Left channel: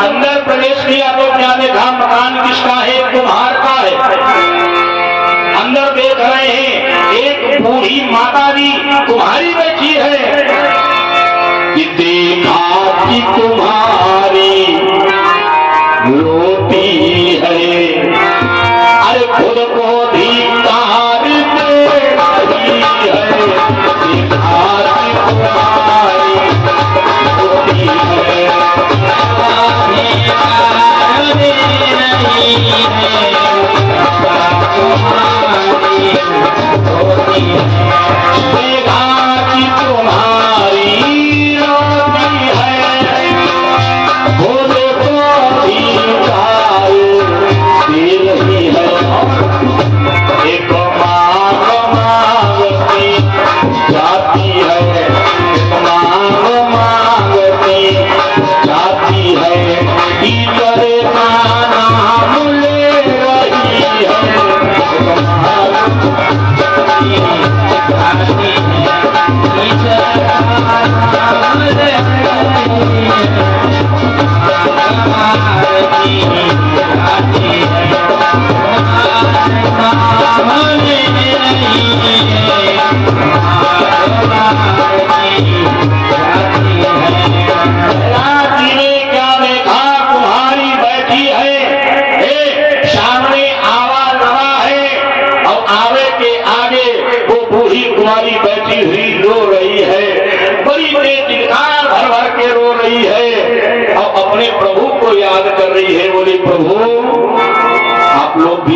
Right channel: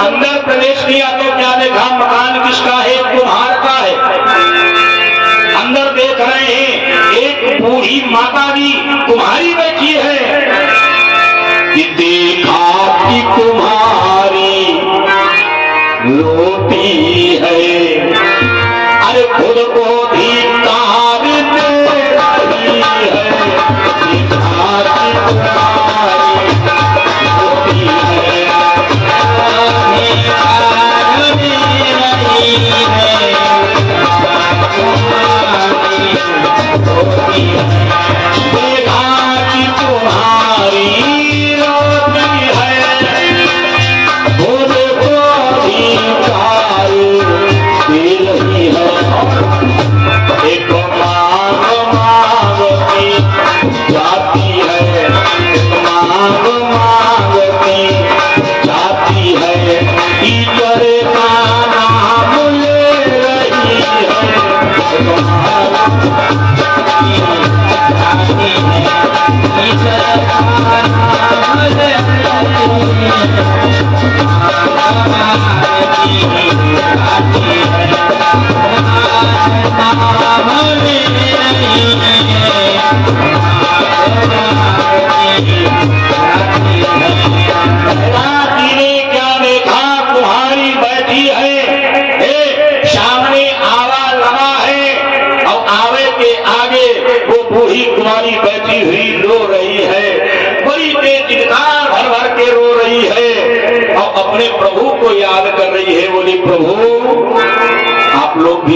अंदर प्रवेश किया तो क्या देखा, मकान किसका है, कुम्हार का है। अंदर देख रहे हैं एक बूढ़ी माता जी कुम्हारी बैठी है कि देखा कि कुम्हारी रोती है, अरे खुद को धिक्कार दे रही है। देखा कि कुम्हारी रोती है,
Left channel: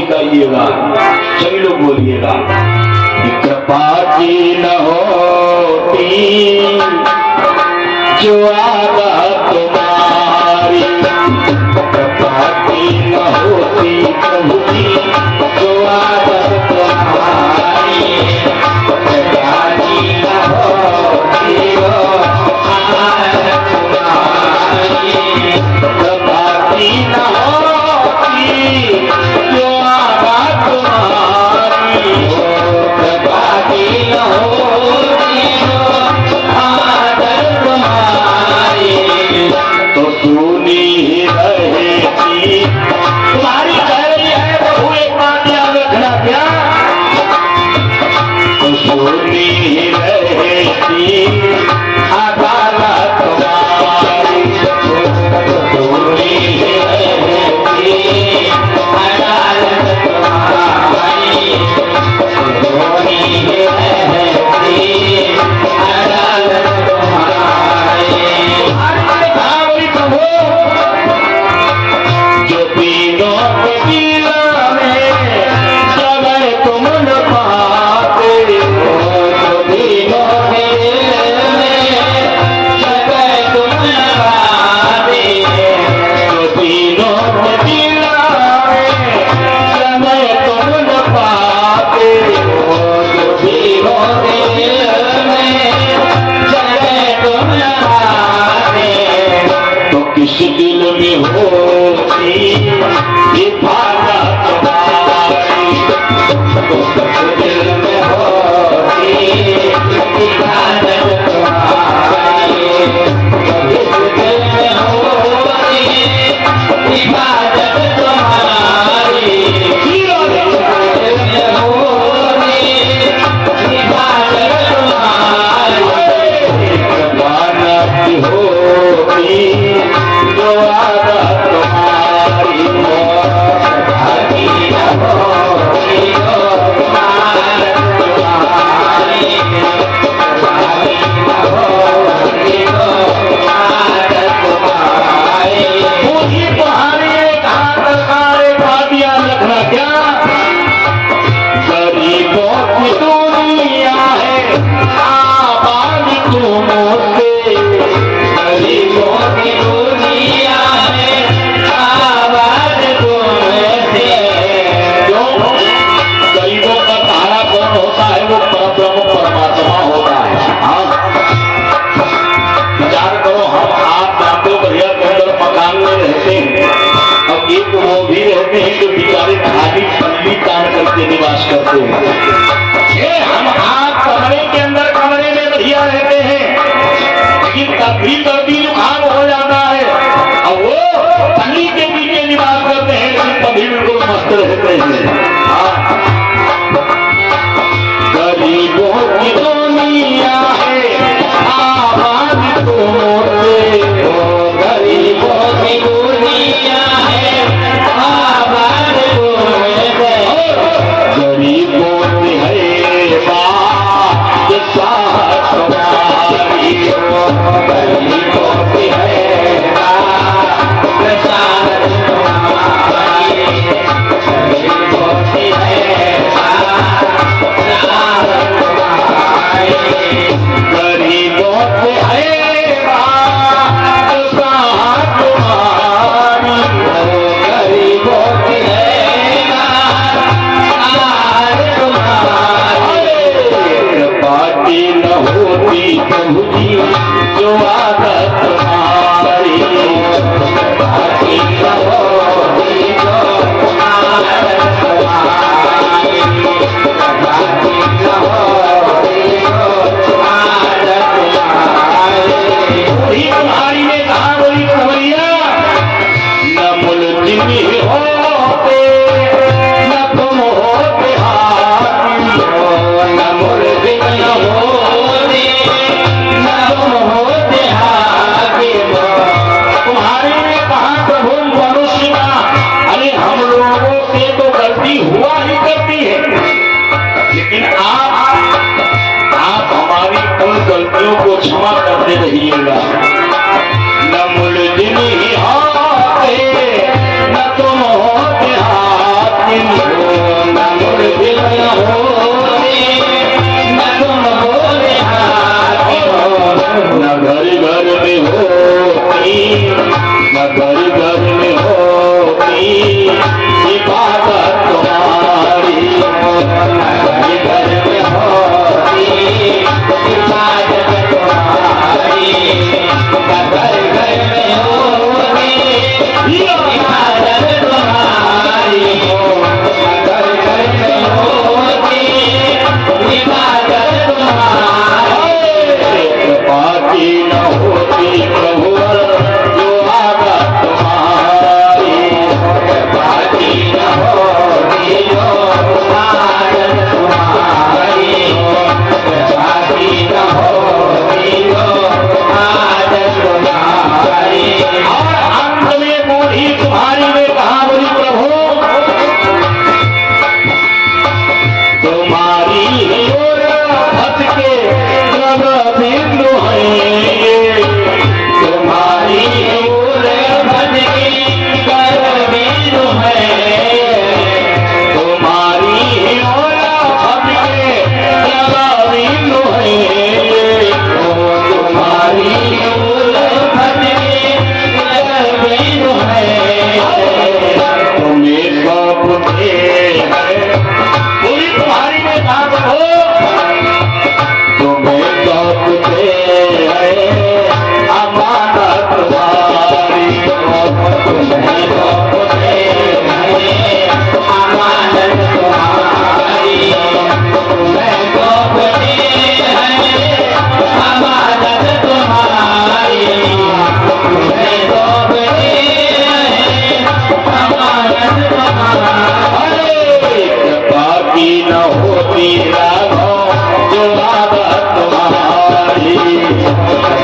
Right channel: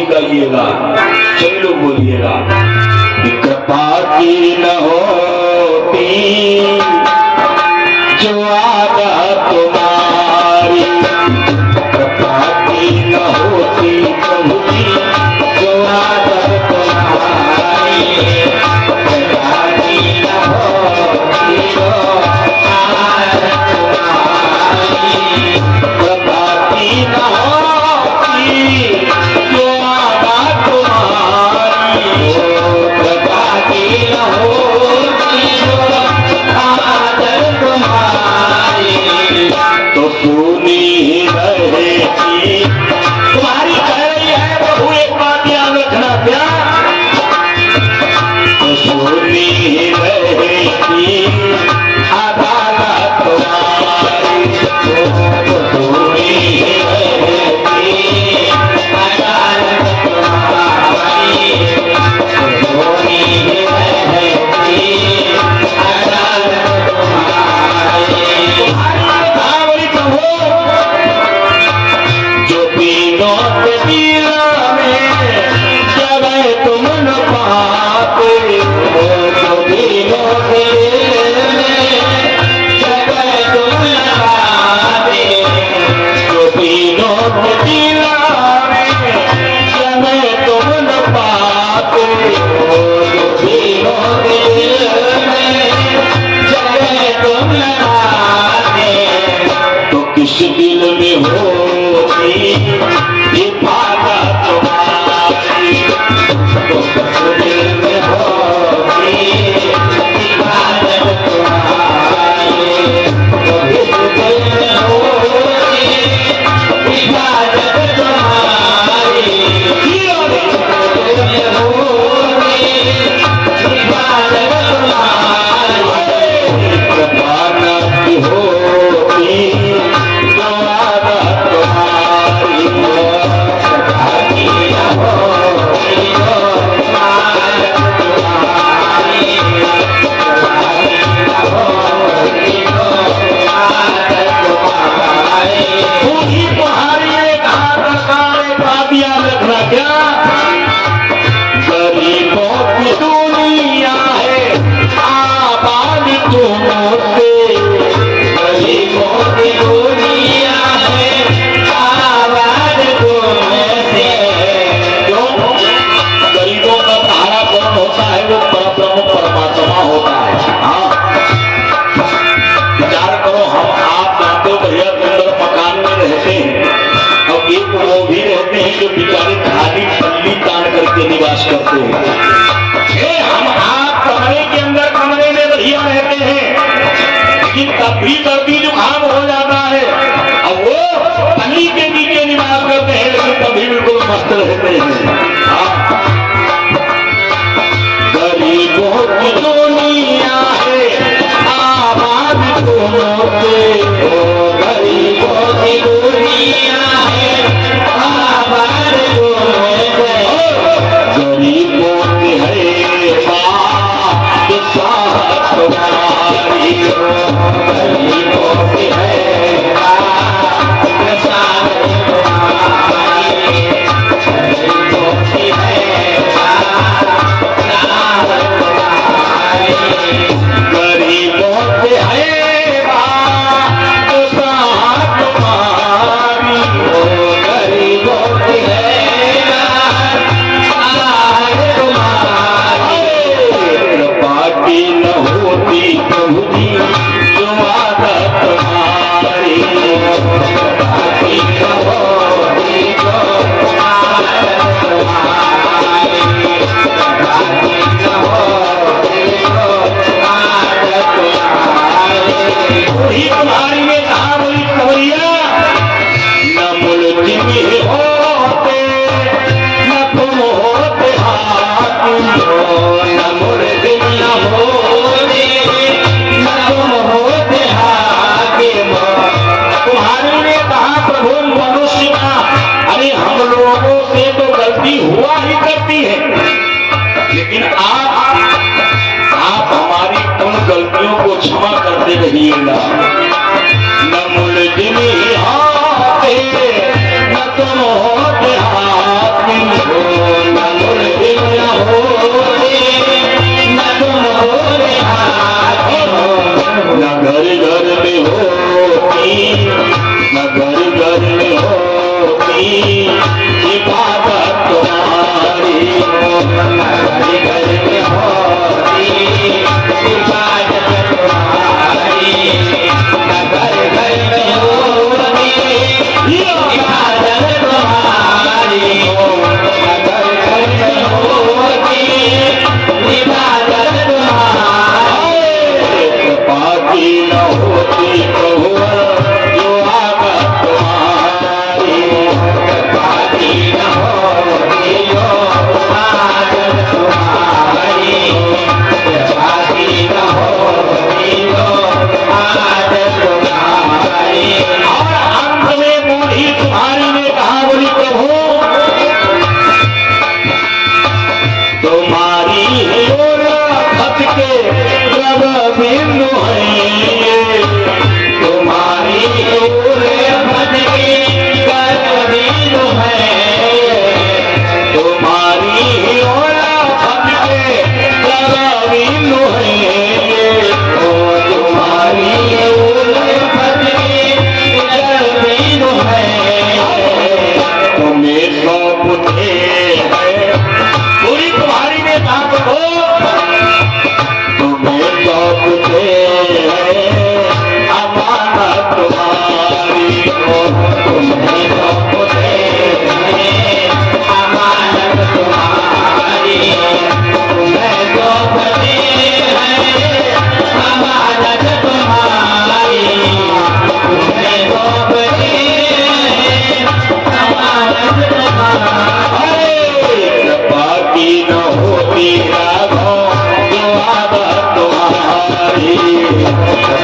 कहिएगा, सभी लोग बोलिएगा, कृपा की न होती जो आदत तुम्हारी, कृपा की न होती प्रभु की जो आदत तुम्हारी, कृपा की न होती जो आदत तुम्हारी, कृपा की न होती जो निवास करते हैं। हम आप कमरे के अंदर कमरे में बढ़िया रहते हैं, लेकिन तब भी सर्दी जुकाम हो जाता है और वो पापियों को क्षमा करते रहिएगा। न मुल्जिम ही हाथे न तुम होते हाथी हो, न मुल्जिम न होते न तुम होते हाथी हो, न घर घर में होती न घर घर में होती इबादत तुम्हारी हो, न घर घर में होती इबादत तुम्हारी, न घर घर में होती इबादत तुम्हारी हो, न घर घर में होती इबादत तुम्हारी, बाकी न होती कहुवर जो आदत तुम्हारी, बाकी न होती जो आदत तुम्हारी, बाकी न होती जो आदत तुम्हारी। और अंत में बूढ़ी तुम्हारी ने कहा, बोली प्रभु तुम्हारी ओर भक्त के जग बिंदु है, तुम्हारी ओर भक्त के जग बिंदु है, तुम्हारी ओर भक्त के जग बिंदु है, ओ तुम्हारी ओर भक्त के जग बिंदु है, तुम्हें सब दे है। पूरी तुम्हारी में बात हो, तुम्हें सब दे है अमानत तुम्हारी हो, तुम्हें सब दे है अमानत तुम्हारी हो, तुम्हें सब दे है अमानत तुम्हारी हो, तुम्हें सब दे है अमानत तुम्हारी। बाकी न होती राघो जो आदत तुम्हारी,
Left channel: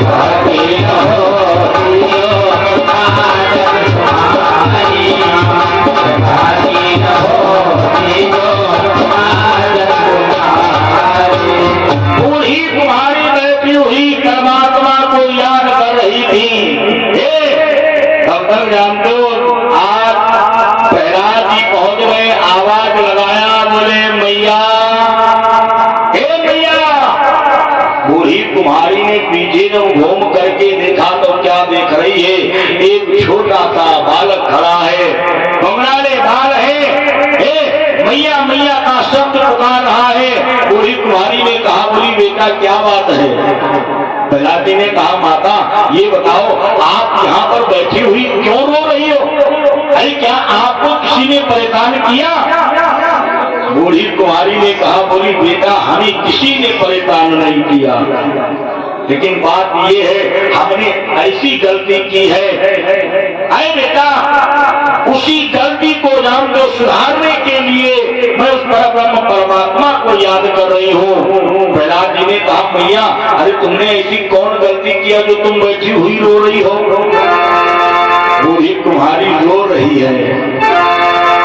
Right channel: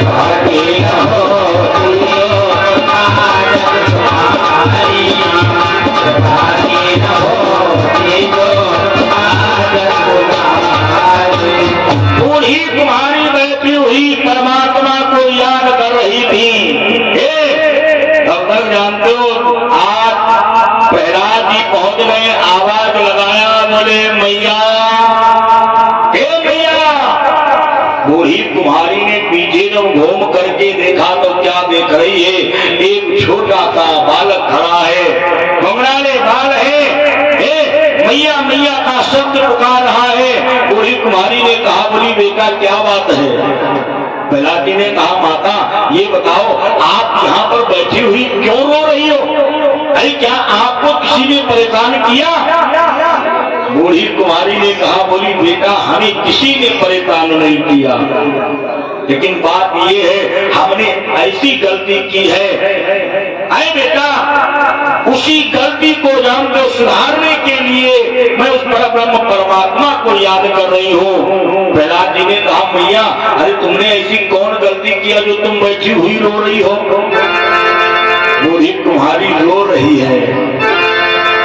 बाकी न होती जो आदत तुम्हारी, बाकी न होती जो आदत तुम्हारी। बूढ़ी तुम्हारी बैठी हुई परमात्मा को याद कर रही थी। अब तक जानते हो, आज प्रहलाद जी पहुंच गए, आवाज लगाया, बोले मैया, हे मैया। बूढ़ी कुम्हारी ने पीछे जब घूम करके देखा तो क्या देख रही है, एक छोटा सा बालक खड़ा है, घुंघराले बाल है, मैया मैया का शब्द पुकार रहा है। बूढ़ी कुम्हारी ने कहा, बोली बेटा क्या बात है? प्रहलाद जी ने कहा, माता ये बताओ आप यहाँ पर बैठी हुई क्यों रो रही हो? अरे क्या आपको किसी ने परेशान किया? बूढ़ी कुमारी ने कहा, बोली बेटा हमें किसी ने परेशान नहीं किया, लेकिन बात ये है हमने ऐसी गलती की है। अरे बेटा उसी गलती को जान को सुधारने के लिए मैं उस परब्रह्म परमात्मा को याद कर रही हूँ। प्रहलाद जी ने कहा, भैया अरे तुमने ऐसी कौन गलती किया जो तुम बैठी हुई रो रही हो? बूढ़ी कुम्हारी रो रही है,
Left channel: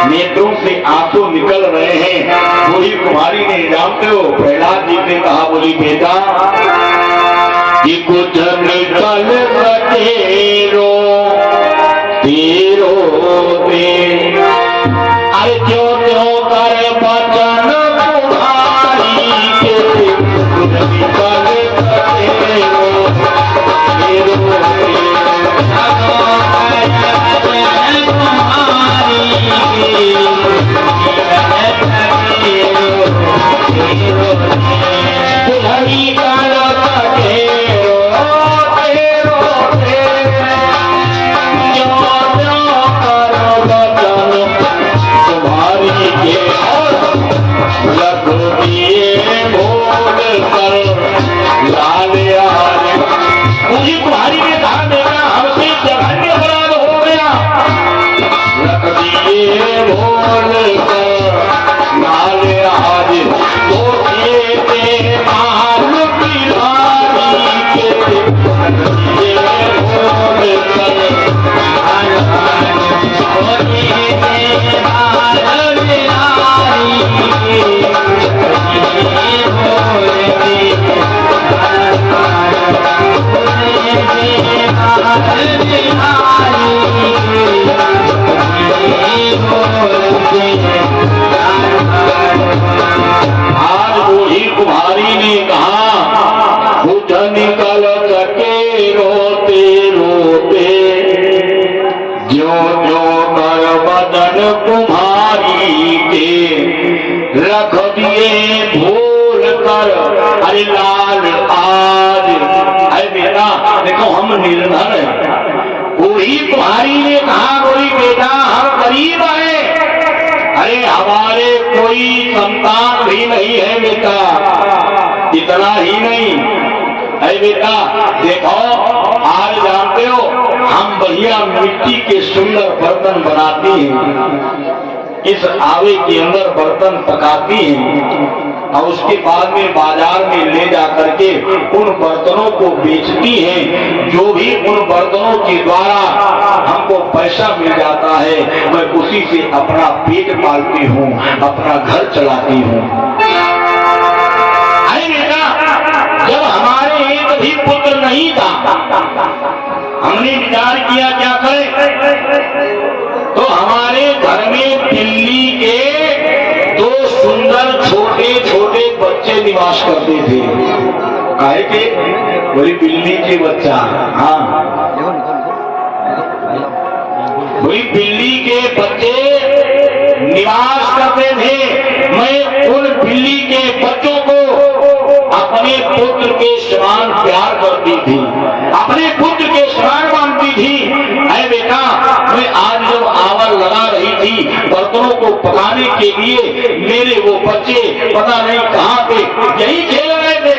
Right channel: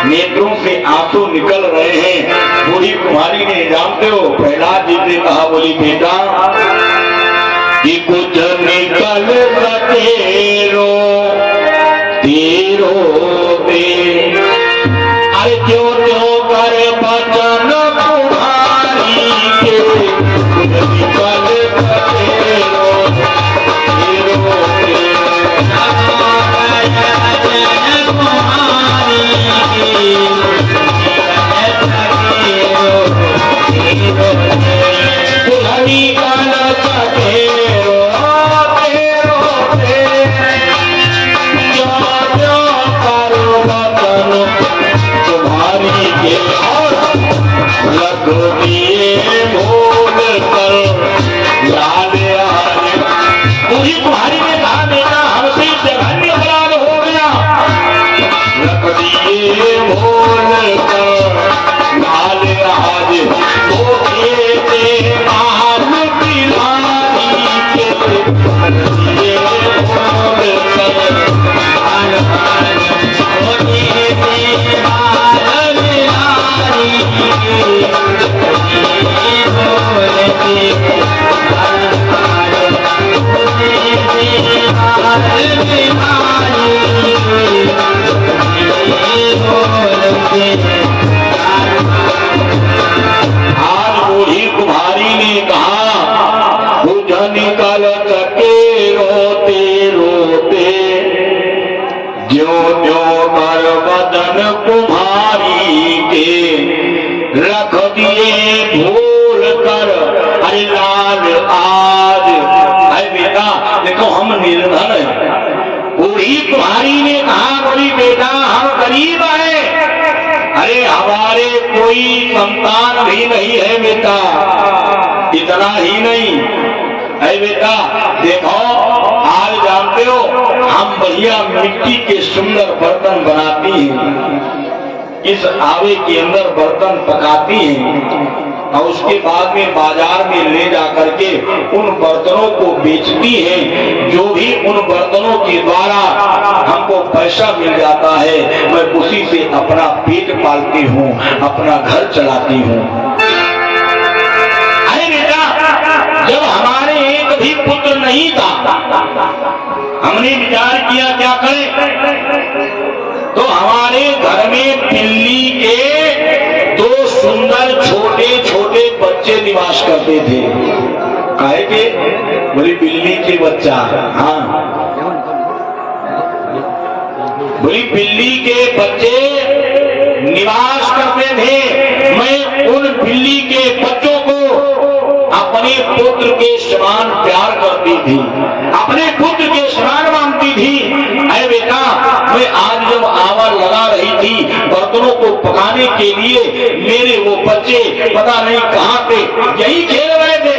नेत्रों से आंसू निकल रहे हैं। बूढ़ी कुम्हारी ने, जानते हो, प्रहलाद जी ने कहा, बोली बेटा कि कुछ निकल तेरो तेरो दे, अरे जो जो कर बचन कुम्हारी के, कुछ निकल तेरो तेरो दे। तुम्हारी ने कहा बेटा हमसे जघन्य अपराध हो गया, जो जो कर बदन कुम्हारी के रख दिए भूल कर, अरे लाल आज। अरे बेटा देखो हम निर्धन है। बूढ़ी कुम्हारी ने कहा बोली बेटा हम गरीब हैं, अरे हमारे कोई संतान भी नहीं है बेटा। इतना ही नहीं, अरे बेटा देखो आज जानते हो हम बढ़िया मिट्टी के सुंदर बर्तन बनाती हैं, इस आवे के अंदर बर्तन पकाती हैं और उसके बाद में बाजार में ले जा करके उन बर्तनों को बेचती हैं। जो भी उन बर्तनों के द्वारा हमको पैसा मिल जाता है मैं उसी से अपना पेट पालती हूँ, अपना घर चलाती हूँ। अरे बेटा जब हमारे एक भी पुत्र नहीं था हमने विचार किया क्या करें, तो हमारे घर में बिल्ली के दो सुंदर छोटे छोटे बच्चे निवास करते थे। काहे के? मेरी बिल्ली के बच्चा, हाँ मेरी बिल्ली के बच्चे निवास करते थे। मैं उन बिल्ली के बच्चों को अपने पुत्र के समान प्यार करती थी, अपने पुत्र के समान मानती थी। अरे बेटा मैं आज जब आवर लगा रही थी बर्तनों को पकाने के लिए, मेरे वो बच्चे पता नहीं कहाँ पे यही खेल रहे थे,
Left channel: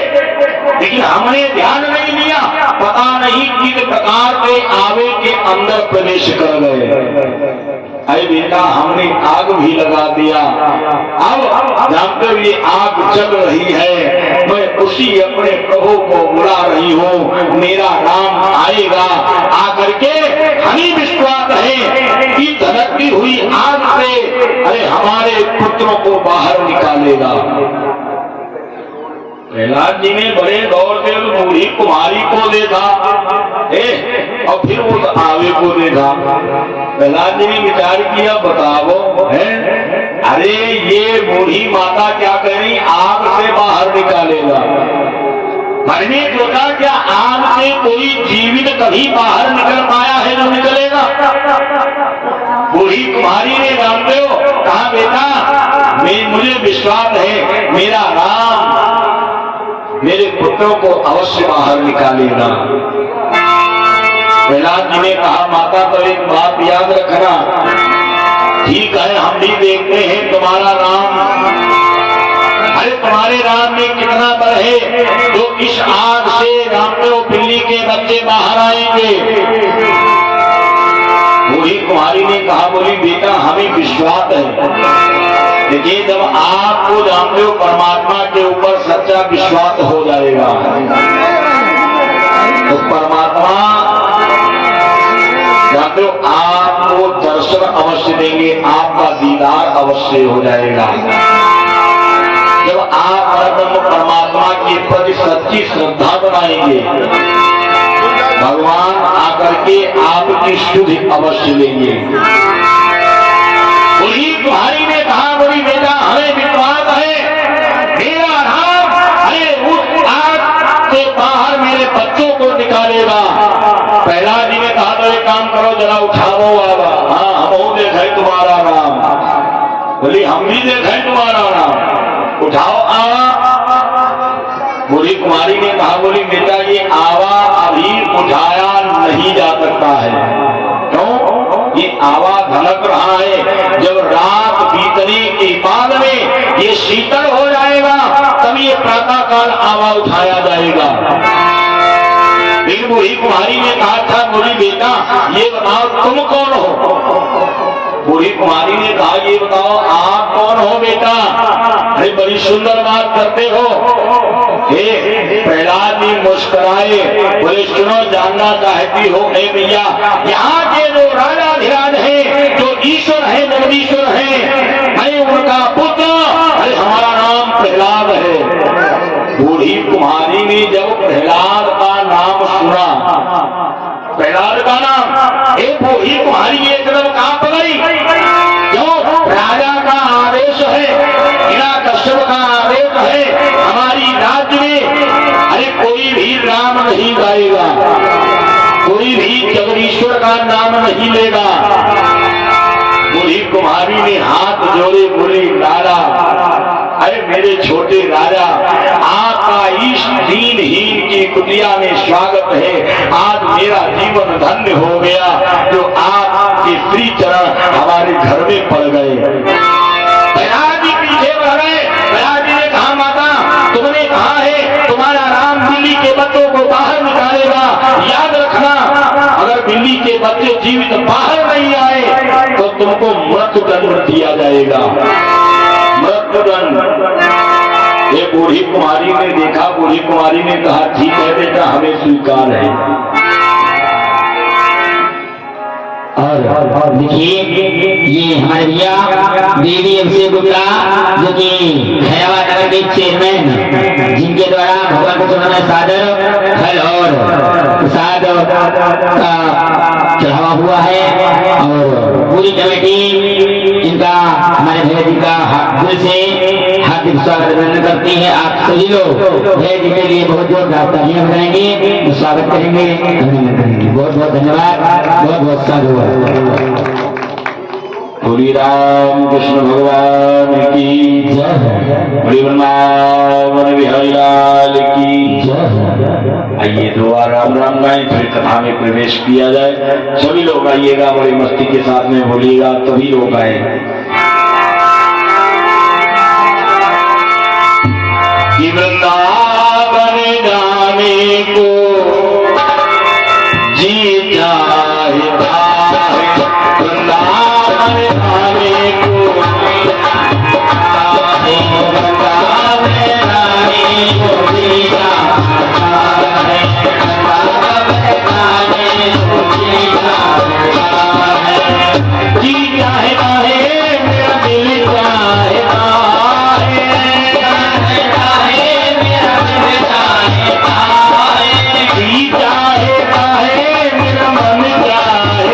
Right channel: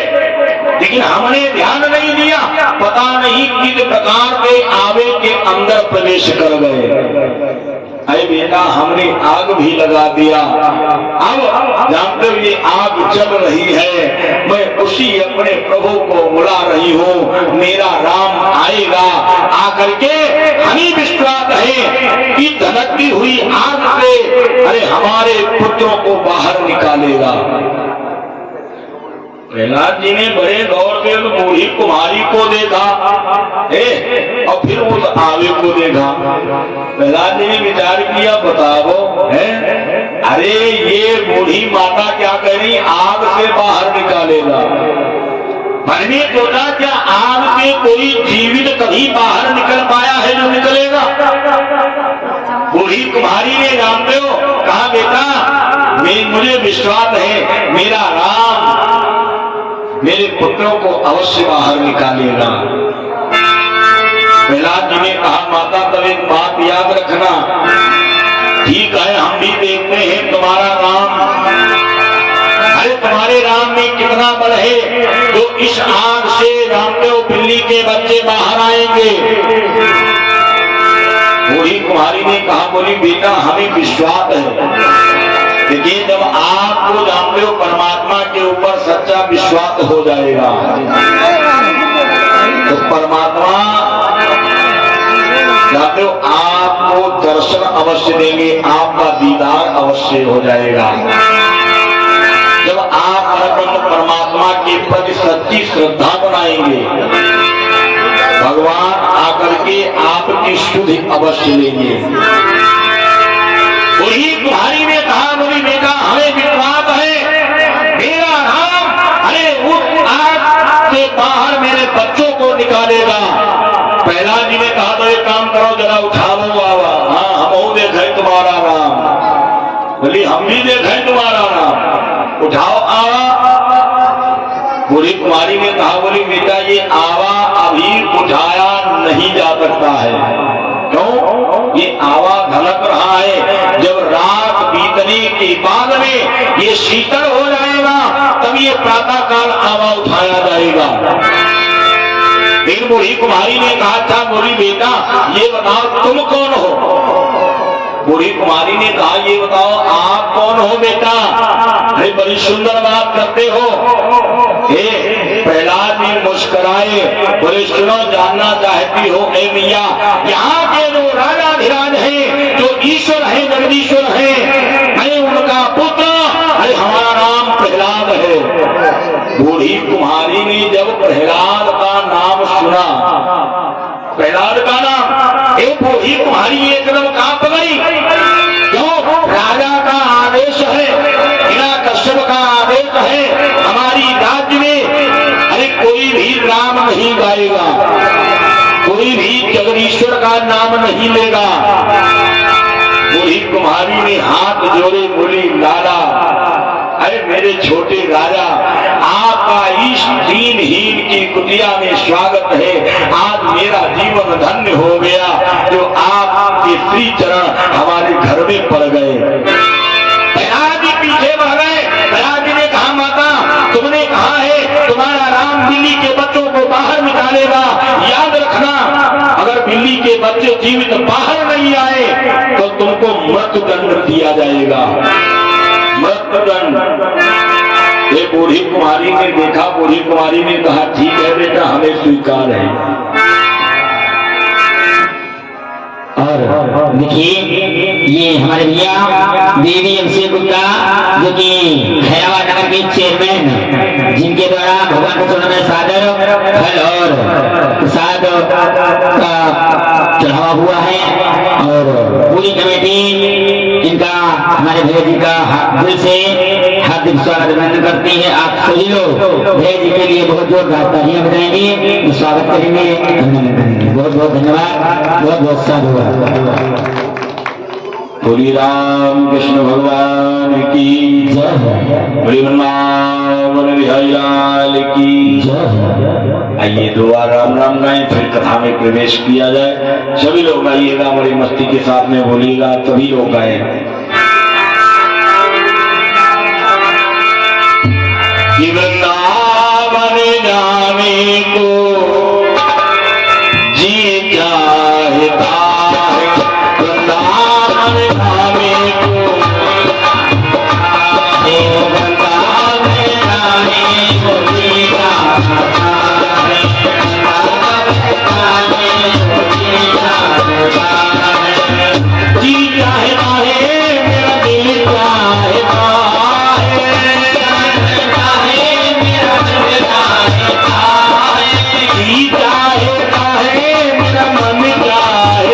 लेकिन हमने ध्यान नहीं दिया। पता नहीं किस प्रकार के आवे के अंदर प्रवेश कर गए। अरे बेटा हमने आग भी लगा दिया। अब जानते हुए आग जल रही है, मैं उसी अपने प्रभु को बुला रही हूँ, मेरा राम आएगा, आकर के हमें विश्वास है कि धधकती हुई आग से अरे हमारे पुत्रों को बाहर निकालेगा। प्रहलाद जी ने बड़े गौर से बूढ़ी कुमारी को देखा और फिर उस आवे को देखा। प्रहलाद जी ने विचार किया बताओ है, अरे ये बूढ़ी माता क्या कह रही आग से बाहर निकालेगा। मन में सोचा क्या आग से कोई जीवित कभी बाहर निकल पाया है जो निकलेगा। बूढ़ी कुमारी ने जानते हो कहा बेटा मुझे विश्वास है मेरा राम मेरे पुत्रों को अवश्य बाहर निकालेगा। प्रहलाद जी ने कहा माता तो एक बात याद रखना, ठीक है हम भी देखते हैं तुम्हारा राम, अरे तुम्हारे राम में कितना बल है जो इस आग से रामदेव बिल्ली के बच्चे बाहर आएंगे। बूढ़ी कुमारी ने कहा बोली बेटा हमें विश्वास है, लेकिन जब आपको जानते हो परमात्मा के ऊपर सच्चा विश्वास हो जाएगा तो परमात्मा जानते हो आपको दर्शन अवश्य देंगे, आपका दीदार अवश्य हो जाएगा। जब आप परमात्मा के प्रति सच्ची श्रद्धा बनाएंगे भगवान आकर के आपकी शुद्धि अवश्य लेंगे। वही कुम्हारी ने कहा बोली बेटा हमें विश्वास है मेरा राम अरे उस आग से बाहर मेरे बच्चों को निकालेगा। प्रहलाद जी ने कहा तो एक काम करो जरा उठाओ आवा, हाँ हम देखे तुम्हारा राम, बोली हम भी देखे तुम्हारा राम, उठाओ आवा। बूढ़ी कुमारी ने कहा बोली बेटा ये आवा अभी उठाया नहीं जा सकता है। क्यों? ये आवा धड़क रहा है, जब रात बीतने के बाद में ये शीतल हो जाएगा तब ये प्रातः काल आवा उठाया जाएगा। लेकिन बूढ़ी कुमारी ने कहा था बोली बेटा ये बताओ तुम कौन हो। बूढ़ी कुमारी ने कहा ये बताओ आप कौन हो बेटा। अरे बड़ी सुंदर बात करते हो। प्रहलाद जी मुस्कुराए बोले सुनो जानना चाहती हो ए भैया यहाँ के जो राजा धीराज है जो ईश्वर है जगदीश्वर है मैं उनका पुत्र, अरे हमारा नाम प्रहलाद है। बूढ़ी कुमारी ने जब प्रहलाद का नाम सुना, प्रहलाद का नाम एक बूढ़ी कुमारी एकदम कांप गई। क्यों? राजा का आदेश है, हिरण्यकश्यप का आदेश है हमारी राज्य में अरे कोई भी राम नहीं गाएगा, कोई भी जगदीश्वर का नाम नाम नहीं लेगा। बूढ़ी कुम्हारी ने हाथ जोड़े, बोली लाला, अरे मेरे छोटे राजा, आपका इस दीनहीन की कुटिया में स्वागत है। आज मेरा जीवन धन्य हो गया जो आपके श्री चरण हमारे घर में पड़ गए। प्रहलाद जी पीछे बढ़ गए। प्रहलाद जी ने कहा, माता तुमने कहा है तुम्हारा राम बिल्ली के बच्चों को बाहर निकालेगा, याद रखना अगर बिल्ली के बच्चे जीवित बाहर नहीं आए तो तुमको मृत्युदंड दिया जाएगा। मृत्युदंड। ये बूढ़ी कुमारी ने देखा, बूढ़ी कुमारी ने कहा, ठीक है बेटा, हमें स्वीकार है। और देखिए ये हमारे भैया देवी अभिषेक गुप्ता जो कि खैराबाद नगर के चेयरमैन, जिनके द्वारा भगवान के चरणों में सादर फल और प्रसाद का चढ़ावा हुआ है। और पूरी कमेटी इनका हमारे भैया जी का दिल से हार्दिक स्वागत अभिनंदन करती है। आप सभी लोग भैया जी के लिए बहुत बहुत तालियां बजाएंगे, स्वागत करेंगे, अभिनंदन करेंगे। बहुत बहुत धन्यवाद, बहुत बहुत साधु। बोली राम कृष्ण भगवान की जय, वृंदावन बिहारी लाल की जय। आइए दो बार राम राम गाएं, फिर कथा में प्रवेश किया जाए। सभी लोग आइएगा, बड़ी मस्ती के साथ में बोलिएगा, तभी लोग आए। वृंदावन जाने को जी चाहे वृंदावन जाने को, वृंदावन जाने को जी चाहता है, मेरा दिल चाहता है, जी चाहता है, मेरा मन चाहता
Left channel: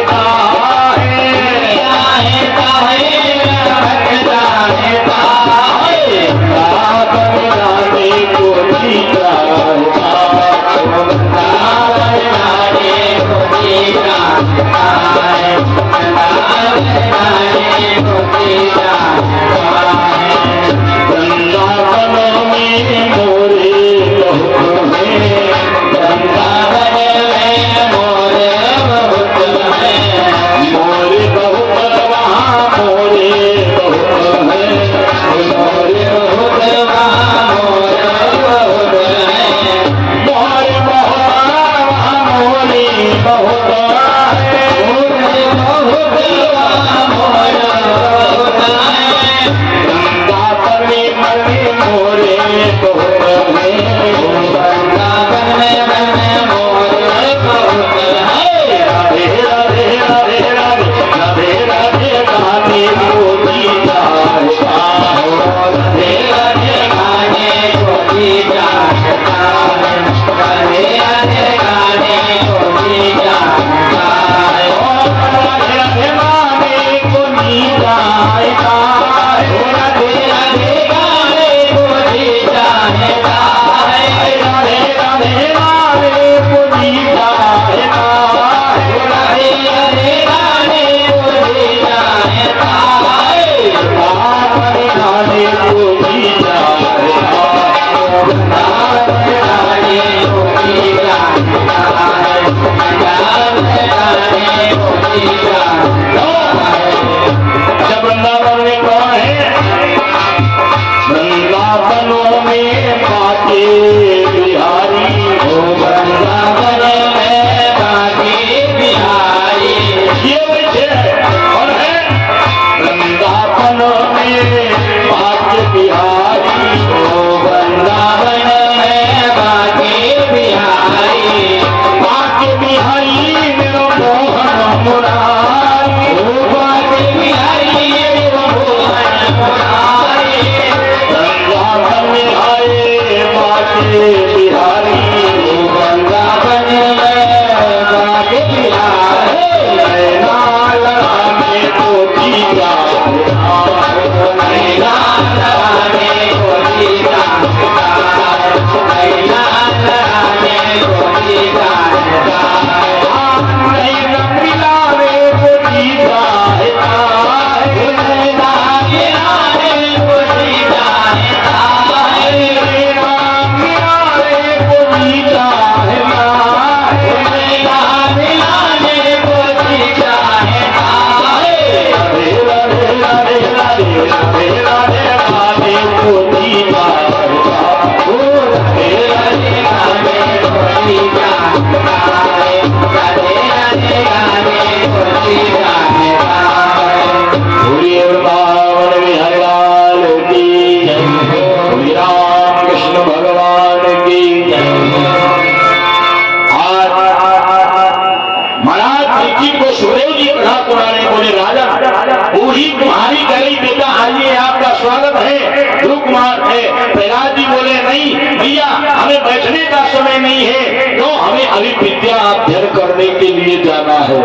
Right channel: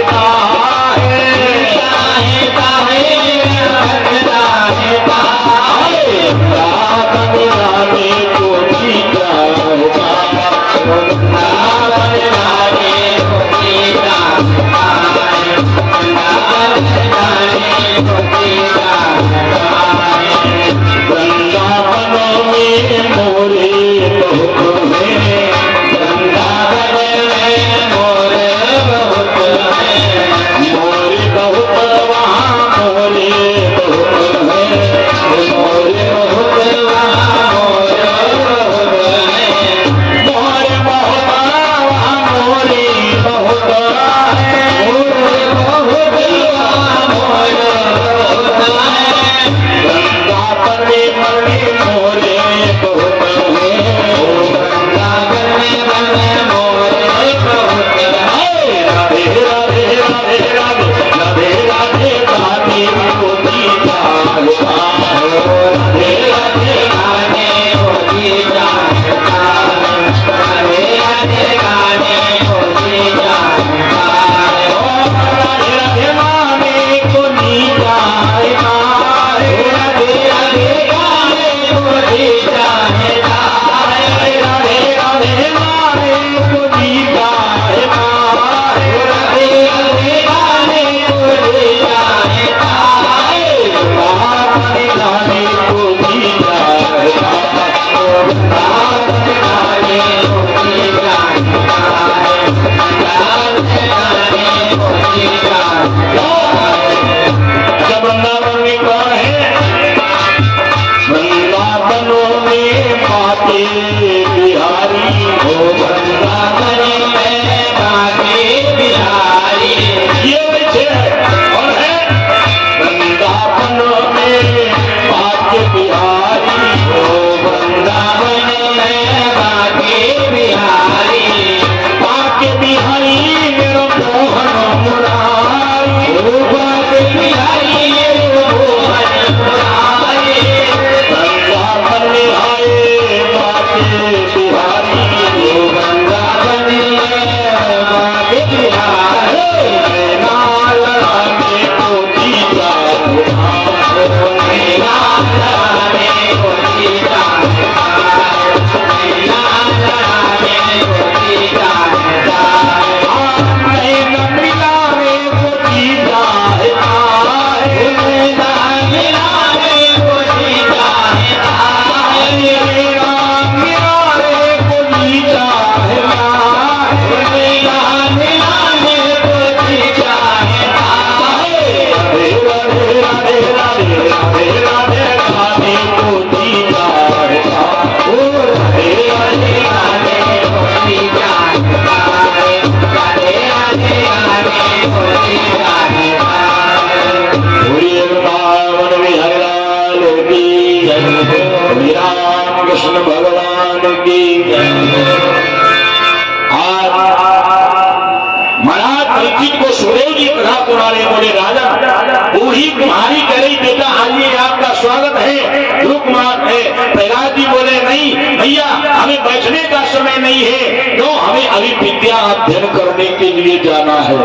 बूढ़ी कुम्हारी कह रही बेटा आइए आपका स्वागत है, ध्रुव कुमार है। प्रहलाद जी बोले नहीं भैया हमें बैठने का समय नहीं है, क्यों हमें अभी विद्या अध्ययन करने के लिए जाना है।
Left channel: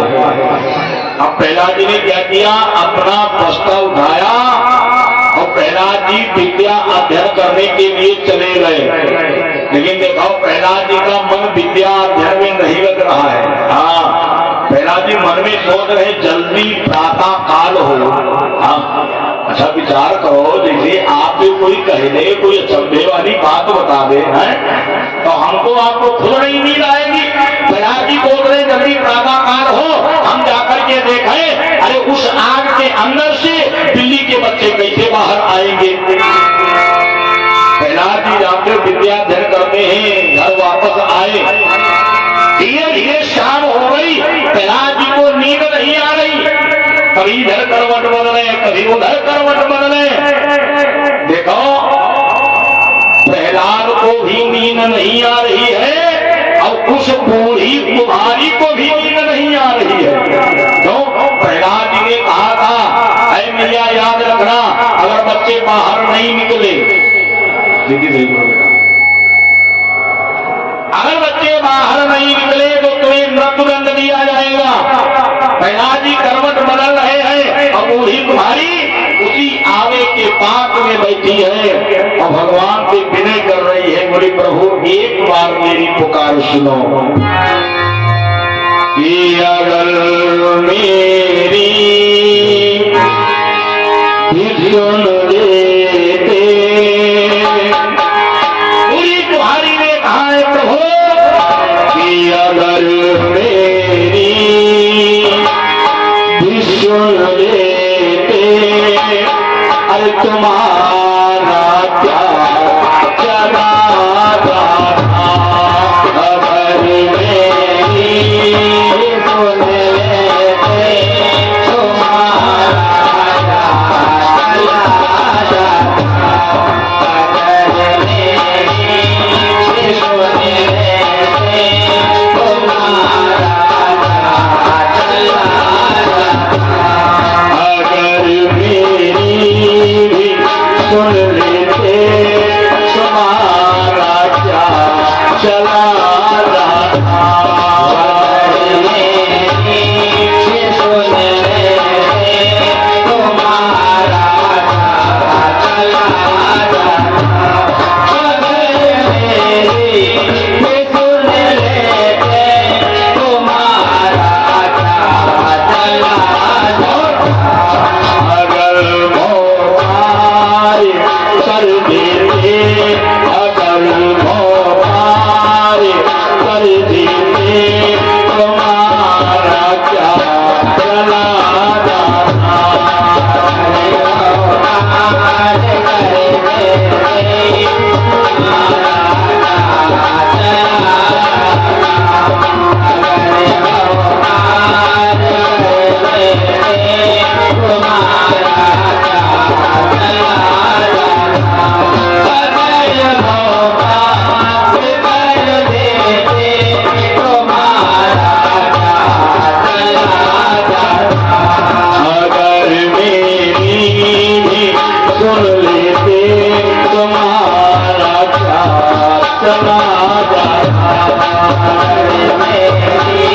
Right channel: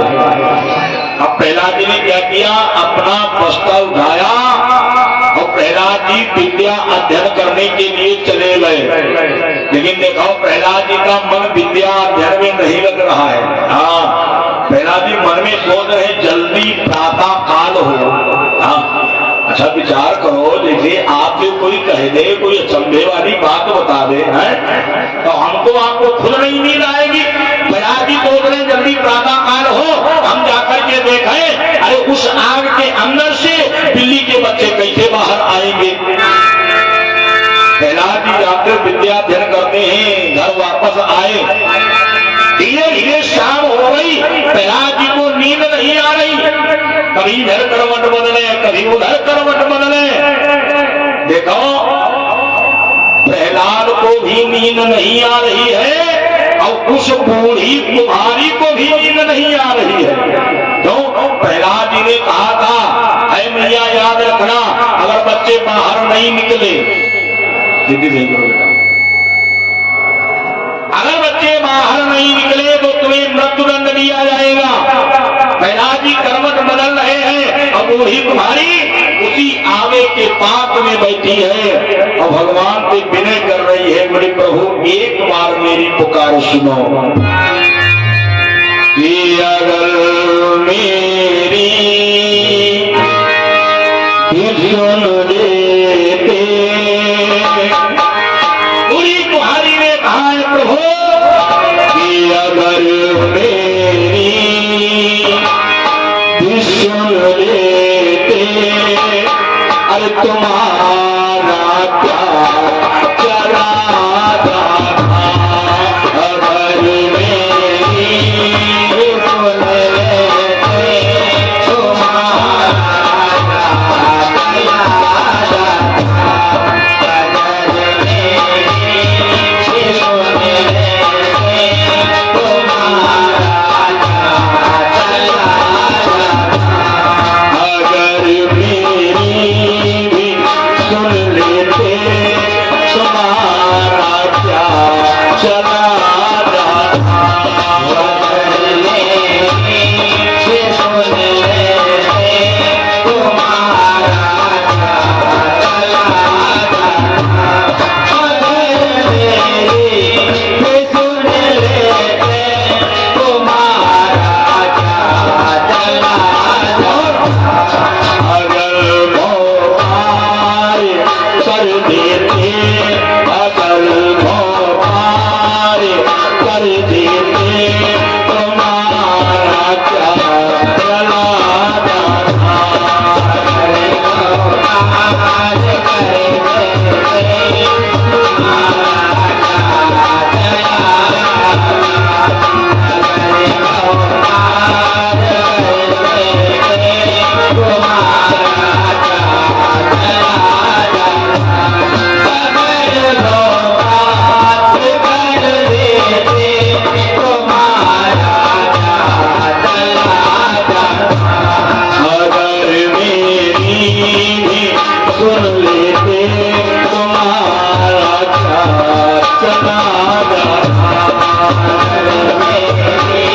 अब प्रहलाद जी ने क्या किया, अपना बस्ता उठाया और प्रहलाद जी विद्या अध्ययन करने के लिए चले गए। लेकिन देखो प्रहलाद जी का मन विद्या अध्ययन में नहीं लग रहा है। हाँ, प्रहलाद जी मन में सोच रहे जल्दी प्रातः काल हो। हाँ, अच्छा विचार करो, जैसे आपसे कोई कह दे, कोई अचंभे वाली बात बता दे है तो हमको आपको खुद नहीं नींद आएगी। प्रहलाद जी सोच रहे जल्दी प्रातः काल हो, हम जाकर के देखें अरे उस आग के अंदर से बिल्ली के बच्चे कैसे बाहर आएंगे। प्रहलाद जी जाकर विद्या अध्ययन करते हैं, घर वापस आए, धीरे धीरे शाम हो गई, प्रहलाद जी को नींद नहीं आ रही। कभी इधर करवट बदले, कभी उधर करवट बदले। देखो प्रहलाद को भी नींद नहीं आ रही है और उस बूढ़ी कुम्हारी को भी नींद नहीं आ रही है। क्यों? प्रहलाद जी ने कहा था ऐ मैया याद रखना अगर बच्चे बाहर नहीं निकले, अगर बच्चे बाहर नहीं निकले तो तुम्हें मृत्युदंड दिया जाएगा। प्रहलाद जी करवट बदल रहे हैं और बूढ़ी कुम्हारी उसी आवे के पात में बैठी है और भगवान से विनय कर रही है, बोले प्रभु एक बार मेरी पुकार सुनो कि अगर मेरी सुन लेते। बूढ़ी कुम्हारी ने कहा है प्रभु कि अगर मेरी सुन लेते अरे तुम्हारा क्या चला जाता। अगर मेरी सुन लेते तुम्हारा क्या चला जाता। अगर मेरी सुन लेते तुम्हारा अगर मेरी भी सुन लेते तुम्हारा क्या चला जाता। अगर मेरी सुन लेते तुम्हारा क्या चला जाता। अगर मेरी सुन लेते तुम्हारा क्या चला जाता। अगर मोहार कर देते, अगर मोहार कर देते तुम्हारा क्या चला जाता। अगर मेरी भी सुन लेते तुम्हारा क्या चला जाता। अगर मेरी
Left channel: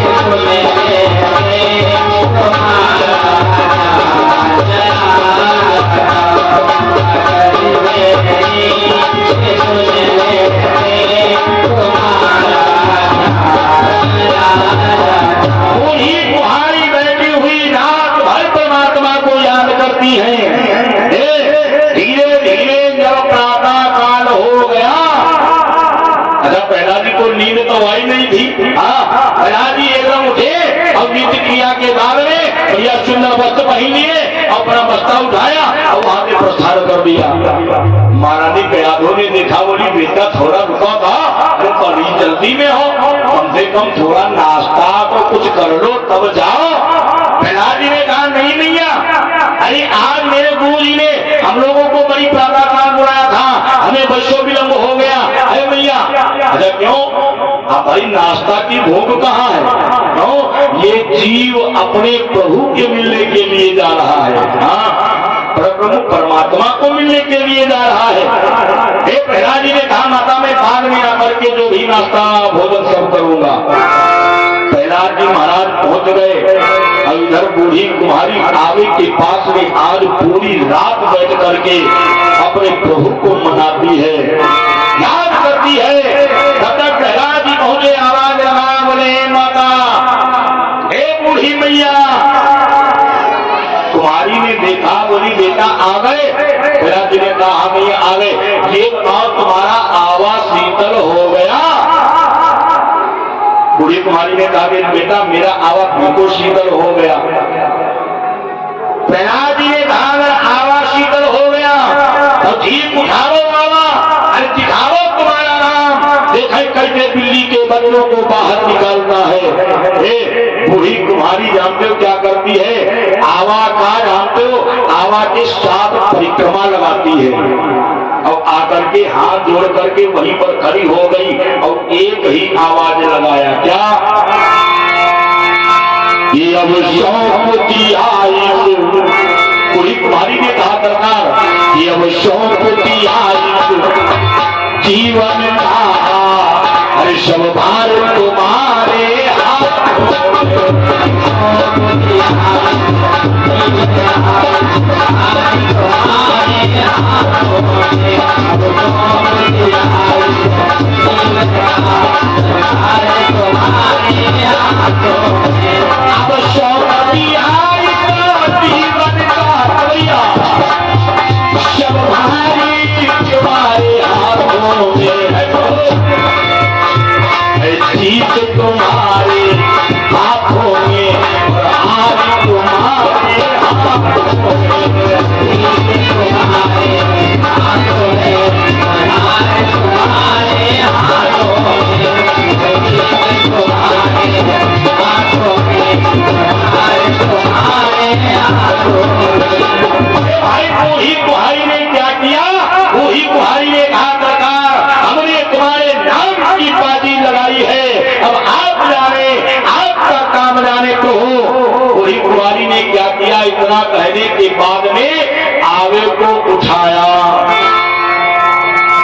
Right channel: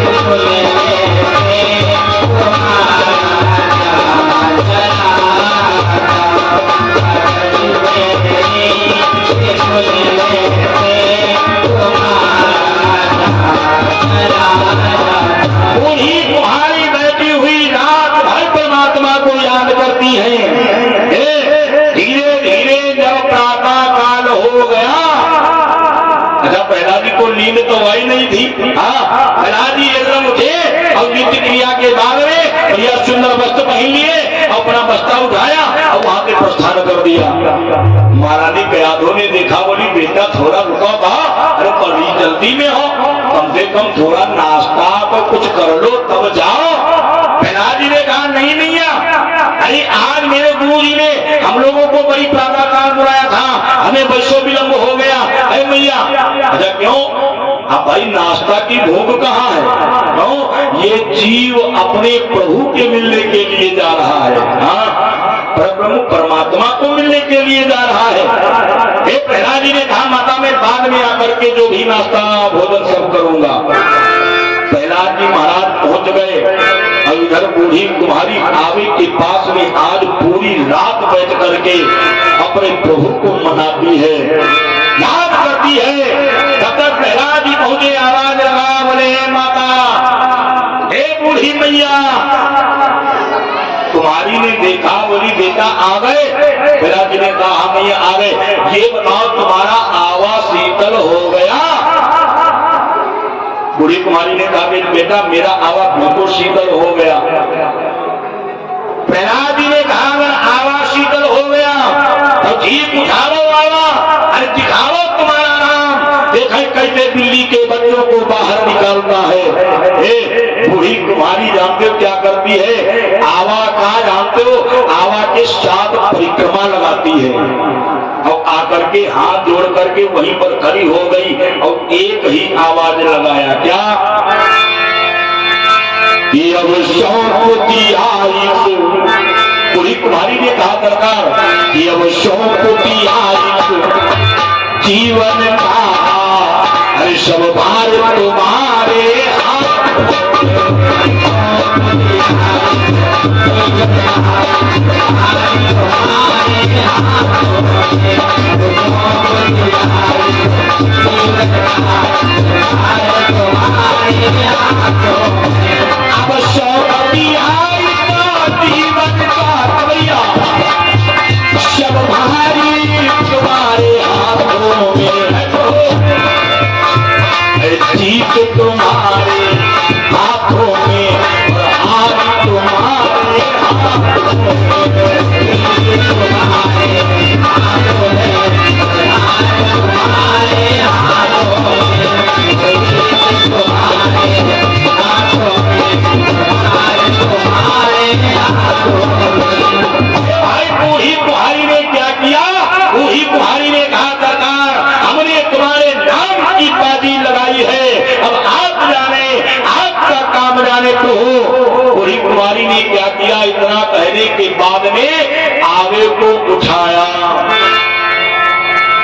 सुन लेते तुम्हारा क्या चला जाता। अगर मेरी सुन लेते तुम्हारा बूढ़ी कुम्हारी बैठी हुई रात भर परमात्मा को याद करती है। धीरे धीरे जब प्रातः काल हो गया, अच्छा प्रहलाद जी को नींद तो आई नहीं थी। प्रहलाद जी एकदम उठे और नित्य क्रिया के बाद में बढ़िया सुंदर वस्त्र पहन लिए और अपना बस्ता उठाया और वहां से प्रस्थान कर दिया। महारानी प्रयादों ने देखा, बोली बेटा थोड़ा रुका था, अरे बड़ी जल्दी में हो, कम से कम थोड़ा नाश्ता तो कुछ कर लो तब जाओ। प्रहलाद जी ने कहा नहीं भैया, अरे आज मेरे गुरु जी ने हम लोगों को बड़ी प्रातः काल बुलाया था, हमें वैसो विलम्ब हो गया। अरे भैया अच्छा क्यों? अब भाई नाश्ता की भूख कहाँ है? क्यों? ये जीव अपने प्रभु के मिलने के लिए जा रहा है। हाँ, प्रभु परमात्मा को मिलने के लिए जा रहा है। हे प्रहलाद जी ने कहा माता मैं बाद में आकर के जो भी नाश्ता भोजन सब करूंगा। प्रहलाद जी महाराज पहुंच गए और इधर बूढ़ी कुमारी आवे के पास में आज पूरी रात बैठ करके अपने प्रभु को मनाती है, याद करती है। तब तक प्रहलाद जी पहुंचे, आवाज लगा बोले माता, हे बूढ़ी मैया। कुमारी ने देखा, बोली बेटा आ गए? प्रहलाद जी ने कहा हाँ मैया आ गए। ये बताओ तुम्हारा आवा शीतल हो गया? बूढ़ी कुमारी ने कहा बेटा मेरा आवा बिल्कुल शीतल हो गया। प्रहलाद जी ने कहा अगर आवा शीतल हो गया तो जीव उठाओ आवा, अरे दिखाओ तुम्हारा नाम, देखे कैसे बिल्ली के बच्चों को बाहर निकालता है। बूढ़ी कुमारी जानते हो क्या करती है? आवा का जानते हो, आवा के 7 परिक्रमा लगाती है और आकर के हाथ जोड़ करके वहीं पर खड़ी हो गई और एक ही आवाज लगाया, क्या? ये अब शौकती आई। पूरी कुमारी ने कहा सरकार ये अब शौकती आई जीवन का, अरे सब भार तुम्हारे अब शौकती आई जीवन का रवैया, सब भारी तुम्हारे हाथों में है, जीत तुम्हारे हाथों में, हार तुम्हारे हाथों में, तुम्हारे हाथों में, हार तुम्हारे हाथों में, तुम्हारे हाथों में, तुम्हारे हाथों में। भाई बूढ़ी कुहारी ने क्या किया? बूढ़ी कुहारी ने कहा सरकार हमने तुम्हारे नाम की बाजी लगाई है, अब आप जाने, आपका काम जाने तो हो। बूढ़ी कुहारी ने क्या किया? इतना कहने के बाद में आवे को उठाया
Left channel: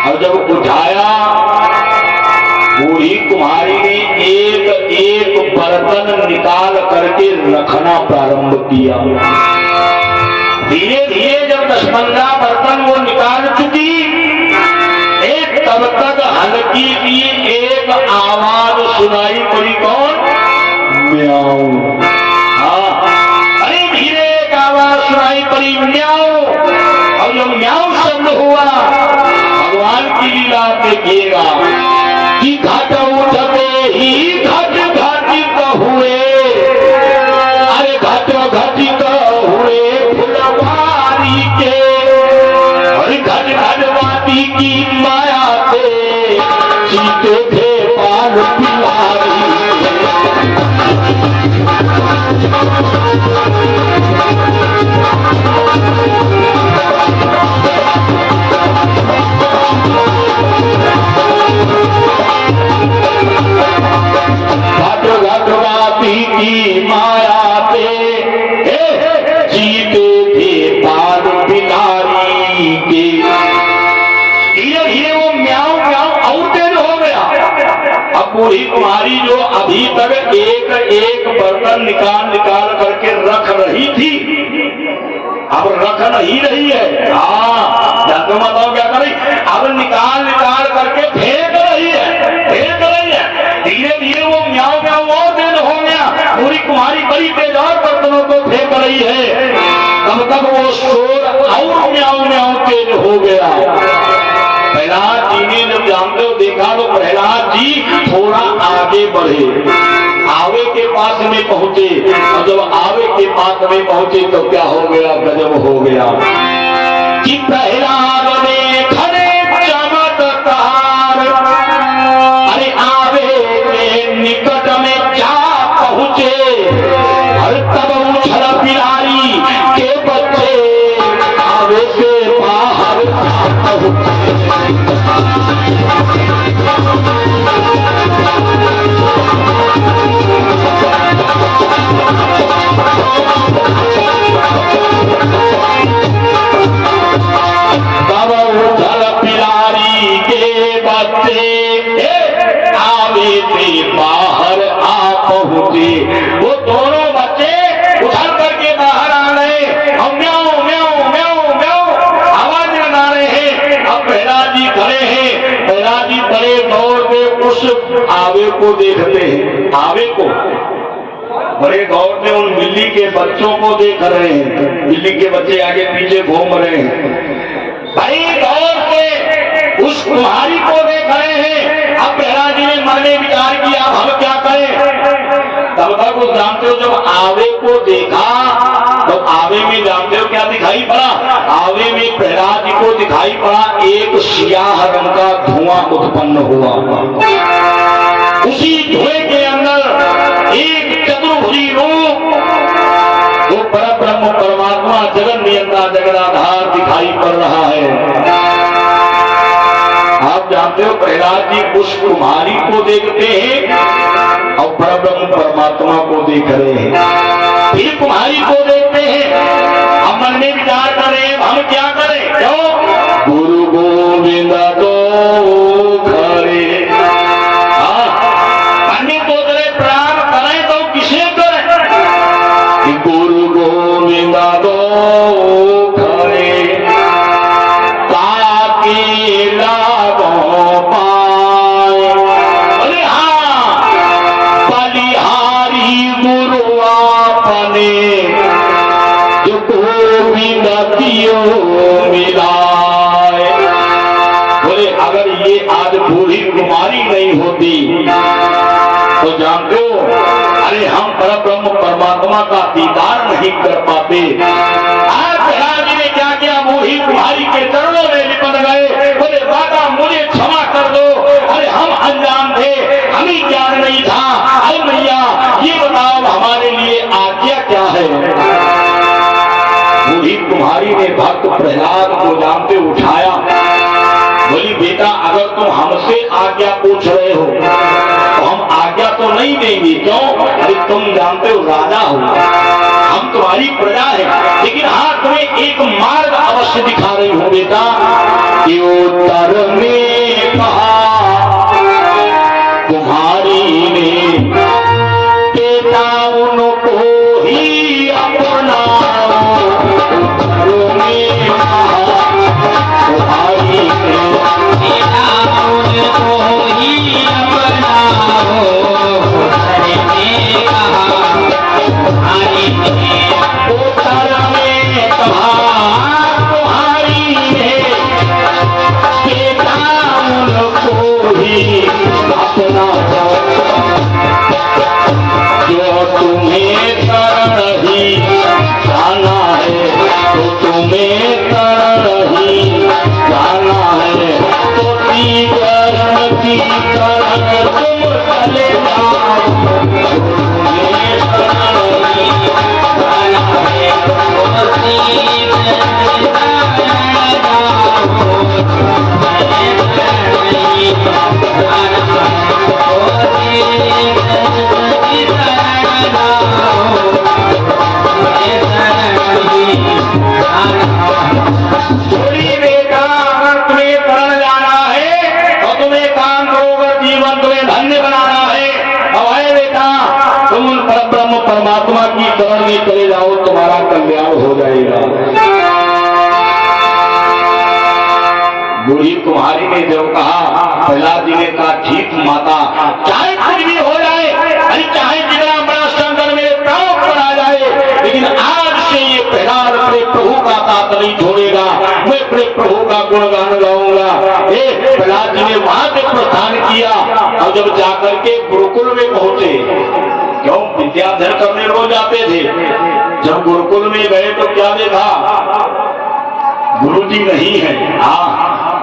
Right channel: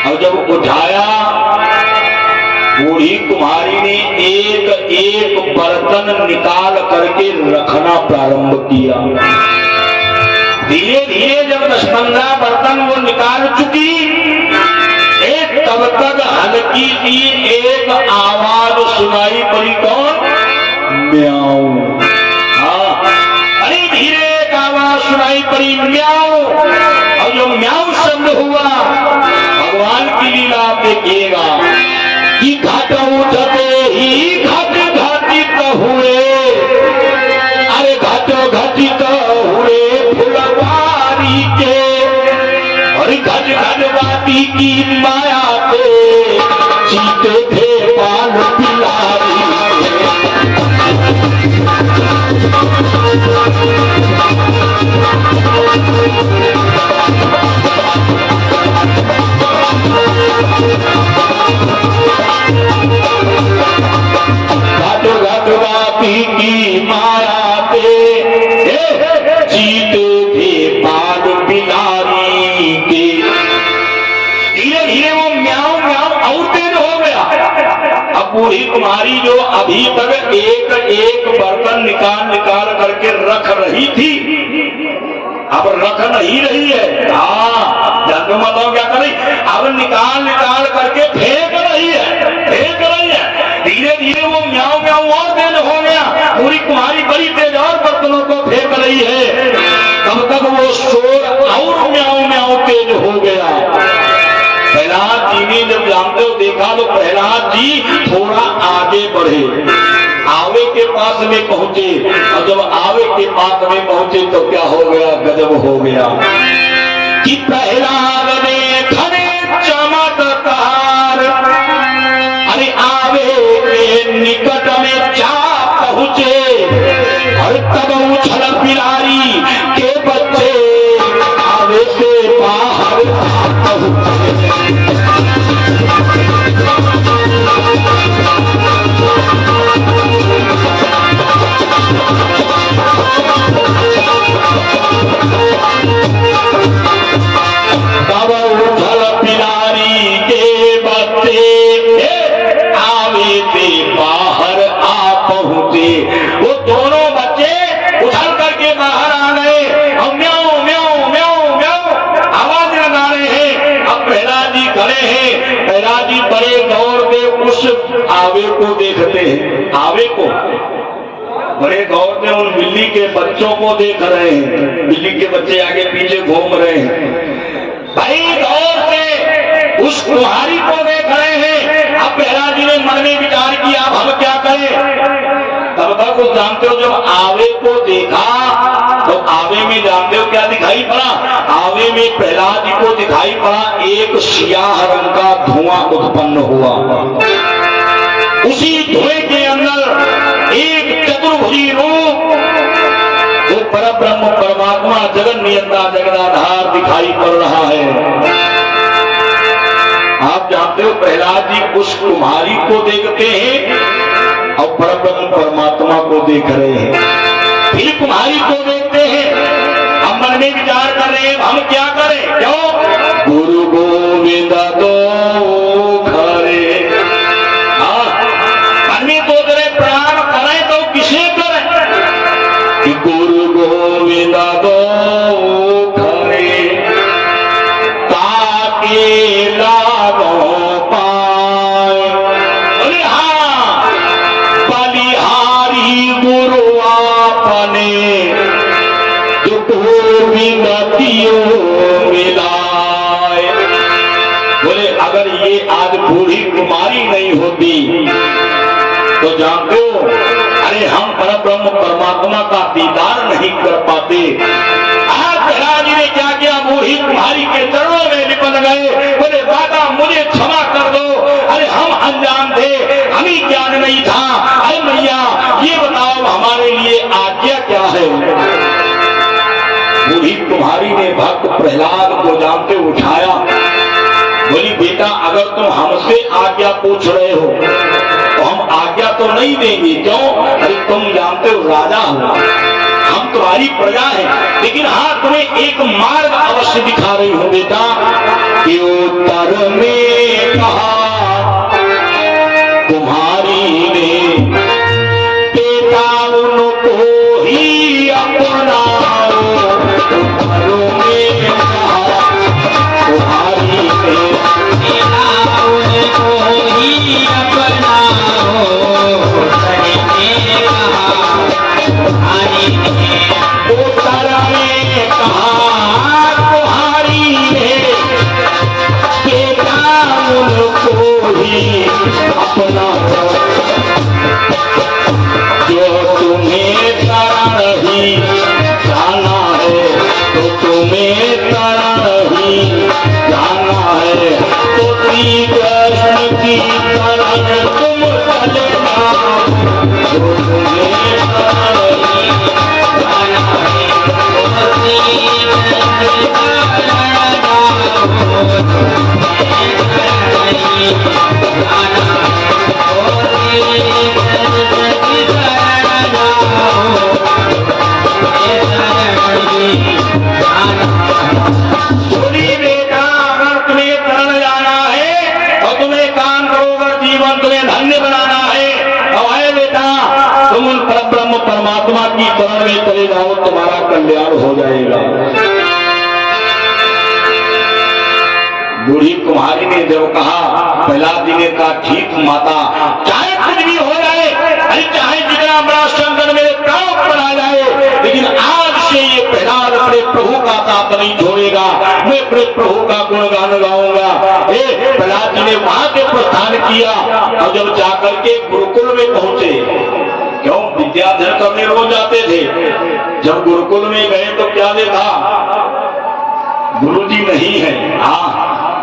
और जब उठाया बूढ़ी कुमारी ने एक एक बर्तन निकाल करके रखना प्रारंभ किया। धीरे धीरे जब 10-15 बर्तन वो निकाल चुकी, एक तब तक हल्की सी एक आवाज सुनाई पड़ी, कौन? म्याऊ। हाँ, अरे धीरे एक आवाज सुनाई पड़ी, म्याऊ। और जो म्याऊ शब्द हुआ भगवान की लीला आप देखिएगा कि घट उठते ही घट घटित हुए, अरे घटो घटित हुए फुलवारी के, और घट घटवाती की माया पे जीते थे पान पिलारी। घटवाती की माया पे जीते थे पान पिलारी के। धीरे धीरे वो म्याऊ म्याऊ और तेज हो गया। अब बूढ़ी कुमारी जो अभी तक एक एक बर्तन निकाल निकाल करके रख रही थी, अब रख नहीं रही है। हाँ, जानते हो बताओ क्या कर रही? अब निकाल निकाल करके फेंक रही है, फेंक रही है। धीरे धीरे वो म्याऊ म्याऊ और तेज हो गया। बूढ़ी कुमारी बड़ी तेज और बर्तनों को फेंक रही है, तब तक वो शोर और म्याऊ म्याऊ तेज हो गया। प्रहलाद जी ने जब जानते हो देखा तो प्रहलाद जी थोड़ा आगे बढ़े, आवे के पास में पहुंचे, और जब आवे के पास में पहुंचे तो क्या हो गया? गजब हो गया कि प्रहलाद ने खड़े चमत्कार, अरे आवे के निकट में जा पहुंचे, और तब उछल पिलारी के बच्चे आवे से बाहर पहुंचे। उस आवे को देखते हैं, आवे को बड़े गौर में उन बिल्ली के बच्चों को देख रहे हैं। बिल्ली के बच्चे आगे पीछे घूम रहे हैं। भाई गौर से उस कुम्हारी को देख रहे हैं। अब प्रहलाद जी ने मन में विचार किया, अब हम क्या करें। तब तक वो जानते हो, जब आवे को देखा तो आवे में जानते हो क्या दिखाई पड़ा। आवे में प्रहलाद जी को दिखाई पड़ा एक स्याह रंग का धुआं उत्पन्न हुआ। उसी धुएं के अंदर एक चतुर्भुजी रूप, वो परब्रह्म परमात्मा जगन नियंता जगदाधार दिखाई पड़ रहा है। आप जानते हो प्रहलाद जी उस कुम्हारी को देखते हैं और परब्रह्म परमात्मा को देख रहे हैं। फिर कुम्हारी को देखते हैं, हम मन में विचार कर रहे हैं हम क्या करें। क्यों? गुरु गोविंद दो घरे, अन्य तो तेरे प्रणाम करें तो किसे करें। गुरु गोविंद दो घरे ताकि लाभों पाए। अरे हाँ, बलिहारी गुरु आपने जो गोविंद दियो मिलाए। बोले अगर ये आज बूढ़ी कुमारी नहीं होती तो जानते हो, अरे हम परब्रह्म परमात्मा का दीदार नहीं कर पाते। आज प्रहलाद जी ने क्या किया, बूढ़ी कुम्हारी के चरणों में लिपट गए। बोले बाबा मुझे क्षमा कर दो, अरे हम अनजान थे, हमें ज्ञान नहीं था। अरे मैया ये बताओ हमारे लिए आज्ञा क्या है। बूढ़ी कुम्हारी ने भक्त प्रहलाद को जान पे उठाया। बोली बेटा अगर तुम हमसे आज्ञा पूछ रहे हो तो हम आज्ञा तो नहीं देंगे। क्यों? अरे तुम जानते हो राजा हो, हम तुम्हारी प्रजा है, लेकिन हाँ तुम्हें एक मार्ग अवश्य दिखा रही हूँ बेटा। कि उत्तर में कहा कुम्हारी ने, बेटा उनको ही अपनाओ। उत्तर में कहा कुम्हारी ने, बेटा उनको ही अपनाओ। उत्तर में कहा कुम्हारी ने, बेटा उनको ही अपनाओ। जो तुम्हें तरण ही जाना है तो तुम्हें तरण ही जाना है। तो कृष्ण की तरण तुम चले जाओ। जो तुम्हें तरण ही जाना है तो बोली बेटा अगर तुम्हें तरण जाना है और तुम्हें काम करो, अगर जीवन तुम्हें धन्य बनाना है तो है बेटा तुम उन परब्रह्म परमात्मा की शरण में चले जाओ, तुम्हारा कल्याण हो जाएगा। बूढ़ी कुम्हारी ने जो कहा, प्रहलाद जी ने कहा ठीक माता, चाहे कुछ भी हो जाए, अरे चाहे जितना बड़ा संकट मेरे प्राणों पर आ जाए, लेकिन आज से ये प्रहलाद अपने प्रभु का साथ नहीं छोड़ेगा। मैं अपने प्रभु का गुणगान गाऊंगा। प्रहलाद जी ने वहां से प्रस्थान किया और जब जाकर के गुरुकुल में पहुंचे, क्यों विद्याध्ययन करने रोज जाते थे, जब गुरुकुल में गए तो क्या देखा, गुरुजी नहीं है। हाँ,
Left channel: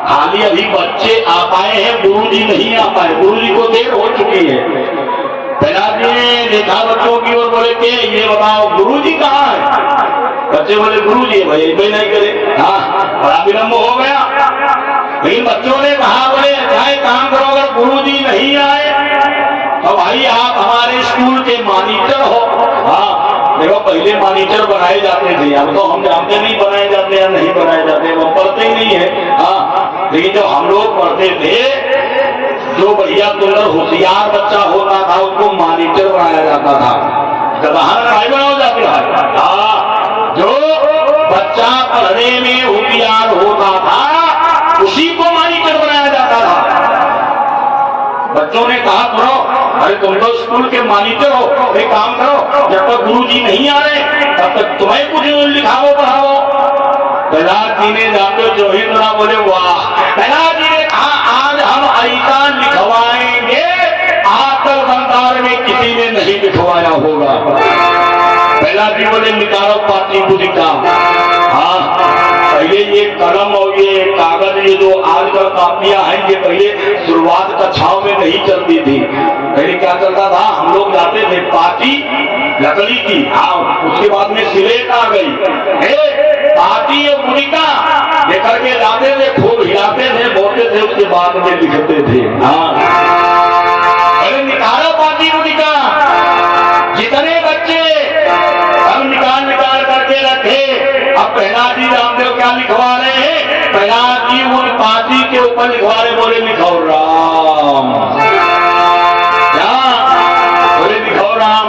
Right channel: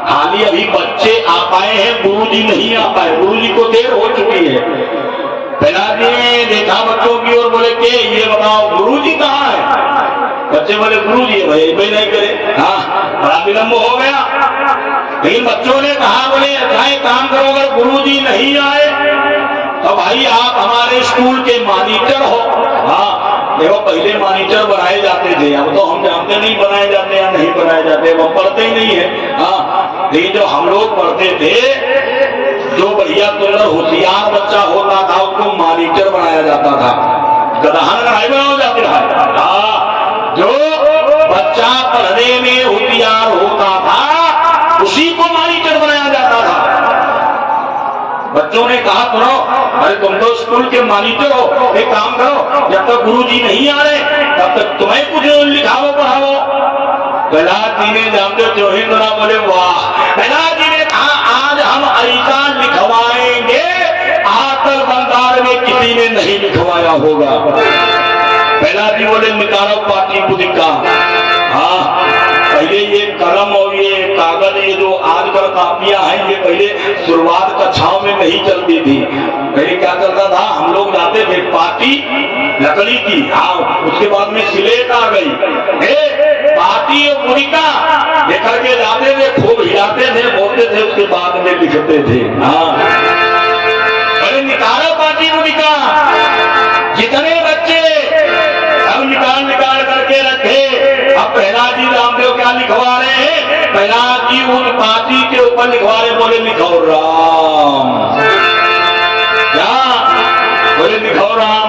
खाली अभी बच्चे आ पाए हैं, गुरुजी नहीं आ पाए, गुरुजी को देर हो चुकी है। प्रहलाद जी ने देखा बच्चों की और बोले के ये बताओ गुरुजी कहाँ है। बच्चे बोले गुरुजी है भाई, भाई नहीं करे। हाँ, बड़ा विलम्ब हो गया। लेकिन बच्चों ने कहा बोले अच्छा एक काम करो, अगर गुरुजी नहीं आए तो भाई आप हमारे स्कूल के मॉनिटर हो। हाँ देखो पहले मॉनिटर बनाए जाते थे, अब तो हम जानते नहीं बनाए जाते हैं नहीं बनाए जाते, वो पढ़ते ही नहीं है। हाँ लेकिन जो हम लोग पढ़ते थे, जो भैया तुलर होशियार बच्चा होता था उसको मॉनिटर बनाया जाता था। गधान नहीं बनाए जाते हैं। जो बच्चा पढ़ने में होशियार होता था उसी को मॉनिटर बनाया जाता था। बच्चों ने कहा करो, अरे तुम तो स्कूल के मालिक हो, एक काम करो, जब तक गुरुजी नहीं आ रहे तब तक तुम्हें कुछ लिखाओ पढ़ाओ। प्रहलाद जी ने जानते जो ही तो बोले वाह। प्रहलाद जी ने कहा आज हम ऐसा लिखवाएंगे आतल बंदार में किसी ने नहीं लिखवाया होगा। प्रहलाद जी बोले निकालो पाटलिपुत्रिका। हाँ, पहले ये कलम और ये कागज, ये जो आजकल कापियां हैं, ये पहले शुरुआत कक्षाओं में नहीं चलती थी। पहले क्या चलता था, हम लोग जाते थे पाटी लकड़ी की, हाँ, उसके बाद में सिलेट आ गई, पाटी और मुड़िका लेकर के जाते थे, खूब हिलाते थे, बोलते थे, उसके बाद में लिखते थे। हाँ, अरे निकालो पाटी मुड़िका। जितने बच्चे हम निकाल करके रखे। अब प्रहलाद जी रामदेव क्या लिखवा रहे हैं, प्रहलाद जी उन पाटी के ऊपर लिखवा रहे, बोले लिखो राम। क्या बोले लिखो राम।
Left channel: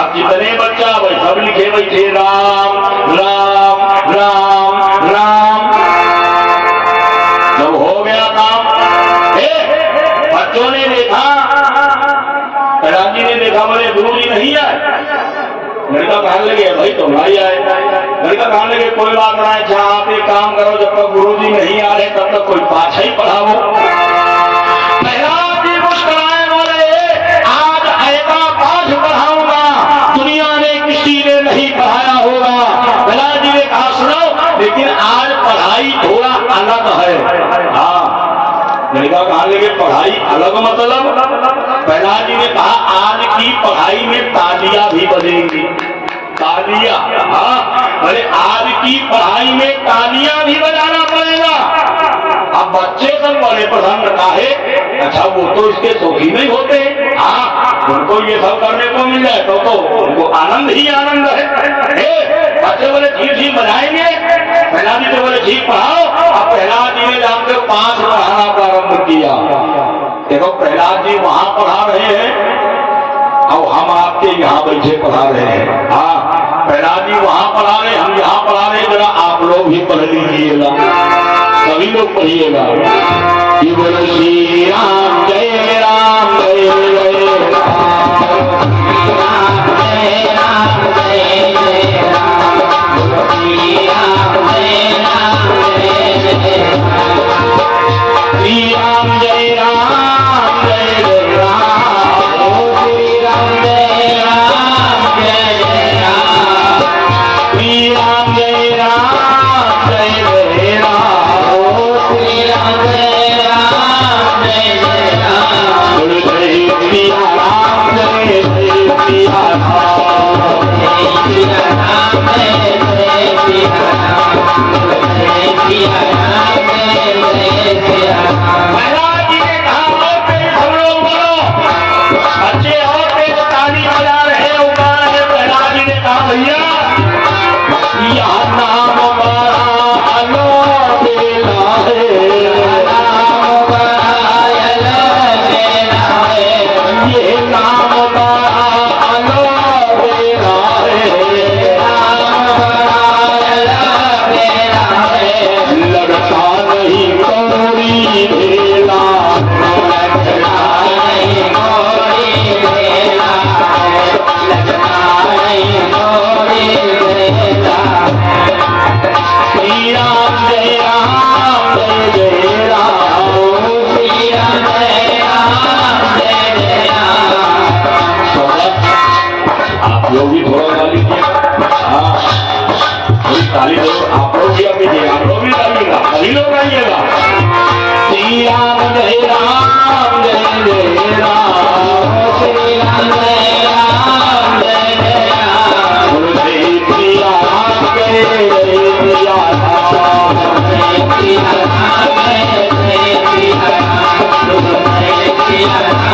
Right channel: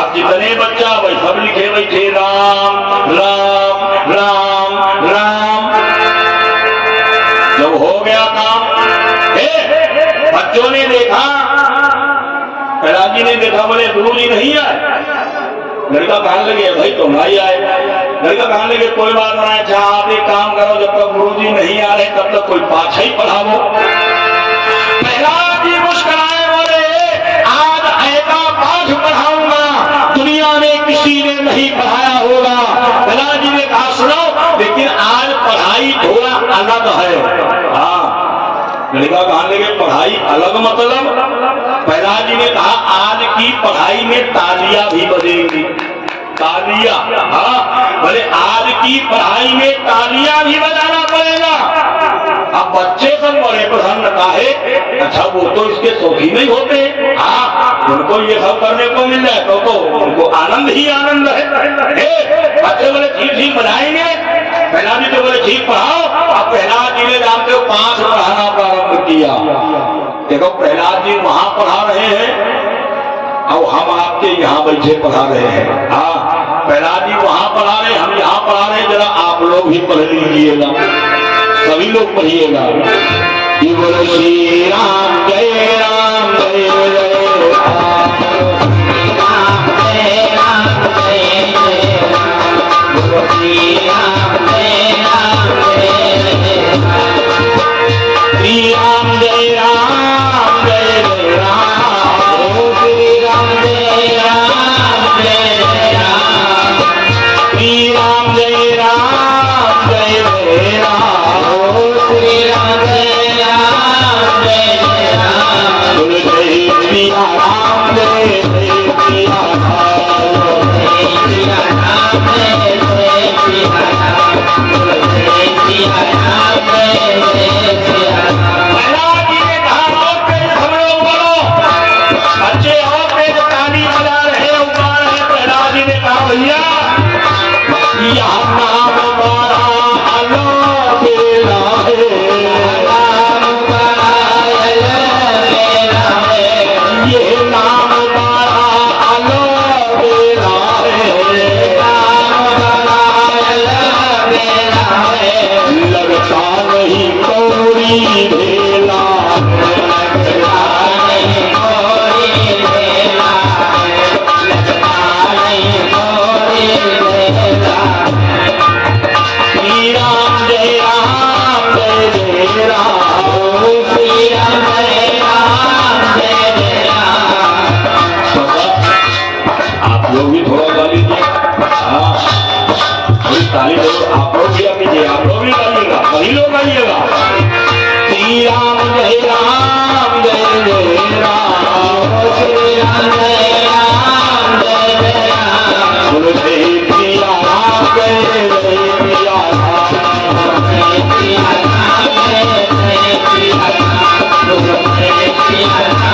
अब जितने बच्चा भाई सब लिखे बैठे राम राम राम राम। जब हो गया काम, बच्चों ने देखा, प्रहलाद जी ने देखा, बोले गुरु जी नहीं आए। लड़का कहने लगे भाई तुम नहीं आए। लड़का कहने लगे कोई बात नहीं, अच्छा आप एक काम करो, जब तक गुरु जी नहीं आ रहे तब तक कोई पाठ ही पढ़ाओ। प्रहलाद जी मुस्कुराए, बोले आज ऐसा पाठ पढ़ाऊंगा दुनिया में किसी ने नहीं पढ़ाया होगा। प्रहलाद जी ने कहा सुनो, लेकिन आज पढ़ाई थोड़ा अलग है। हाँ, लड़का कहने लगे पढ़ाई अलग मतलब। प्रहलाद जी ने कहा आज की पढ़ाई में तालियां भी बजेंगी। तालियां, हाँ, बोले आज की पढ़ाई में तालियां भी बजाना पड़ेगा। अब बच्चे सब बड़े प्रसन्नता है, अच्छा वो तो इसके शौकीन नहीं होते। हाँ, उनको ये सब करने को मिल जाए तो उनको आनंद ही आनंद है। बच्चे बोले ठीक ठीक बजाएंगे। प्रहलाद जी तो बोले ठीक पढ़ाओ। अब प्रहलाद जी ने जानते हो 5 पढ़ाना प्रारंभ किया। देखो प्रहलाद जी वहां पढ़ा रहे हैं और हम आपके यहाँ बैठे पढ़ा रहे हैं। हाँ, प्रहलाद जी वहां पढ़ा रहे, हम यहाँ पढ़ा रहे, जरा आप लोग भी पढ़ लीजिएगा, सभी लोग पढ़िएगा। ये बोले श्री राम जय राम जय जय राम, राम जय राम जय जय राम, श्री राम जय राम जय जय राम, श्री राम जय राम जय जय राम, श्री राम जय राम जय जय राम, श्री राम जय राम जय जय राम, श्री राम जय राम जय जय राम, बोल जय सिया राम जय जय सिया राम, जय सिया राम जय जय सिया राम, बोल जय सिया राम जय जय सिया राम। प्रहलाद जी ने कहा और तेज हम लोग बोलो, बच्चे और तेज ताली बजा रहे उगा रहे। प्रहलाद जी ने कहा भैया यहाँ नाम बड़ा अलबेला है, नाम बड़ा अलबेला है, ये नाम बड़ा अलबेला है, नाम बड़ा अलबेला है, लगता नहीं कोरी भेला, लगता नहीं कोरी भेला, लगता नहीं कोरी भेला। श्री राम जय राम जय जय राम, श्री राम जय राम जय जय राम। आप लोग भी थोड़ा गा लीजिए। हाँ, ताली दो, आप लोग भी अपनी, आप लोग भी गाइएगा, सभी लोग गाइएगा। श्री राम जय राम जय जय राम, श्री राम जय राम जय जय राम, बोल जय सिया राम जय जय सिया राम, जय सिया राम जय जय सिया राम, बोल जय सिया राम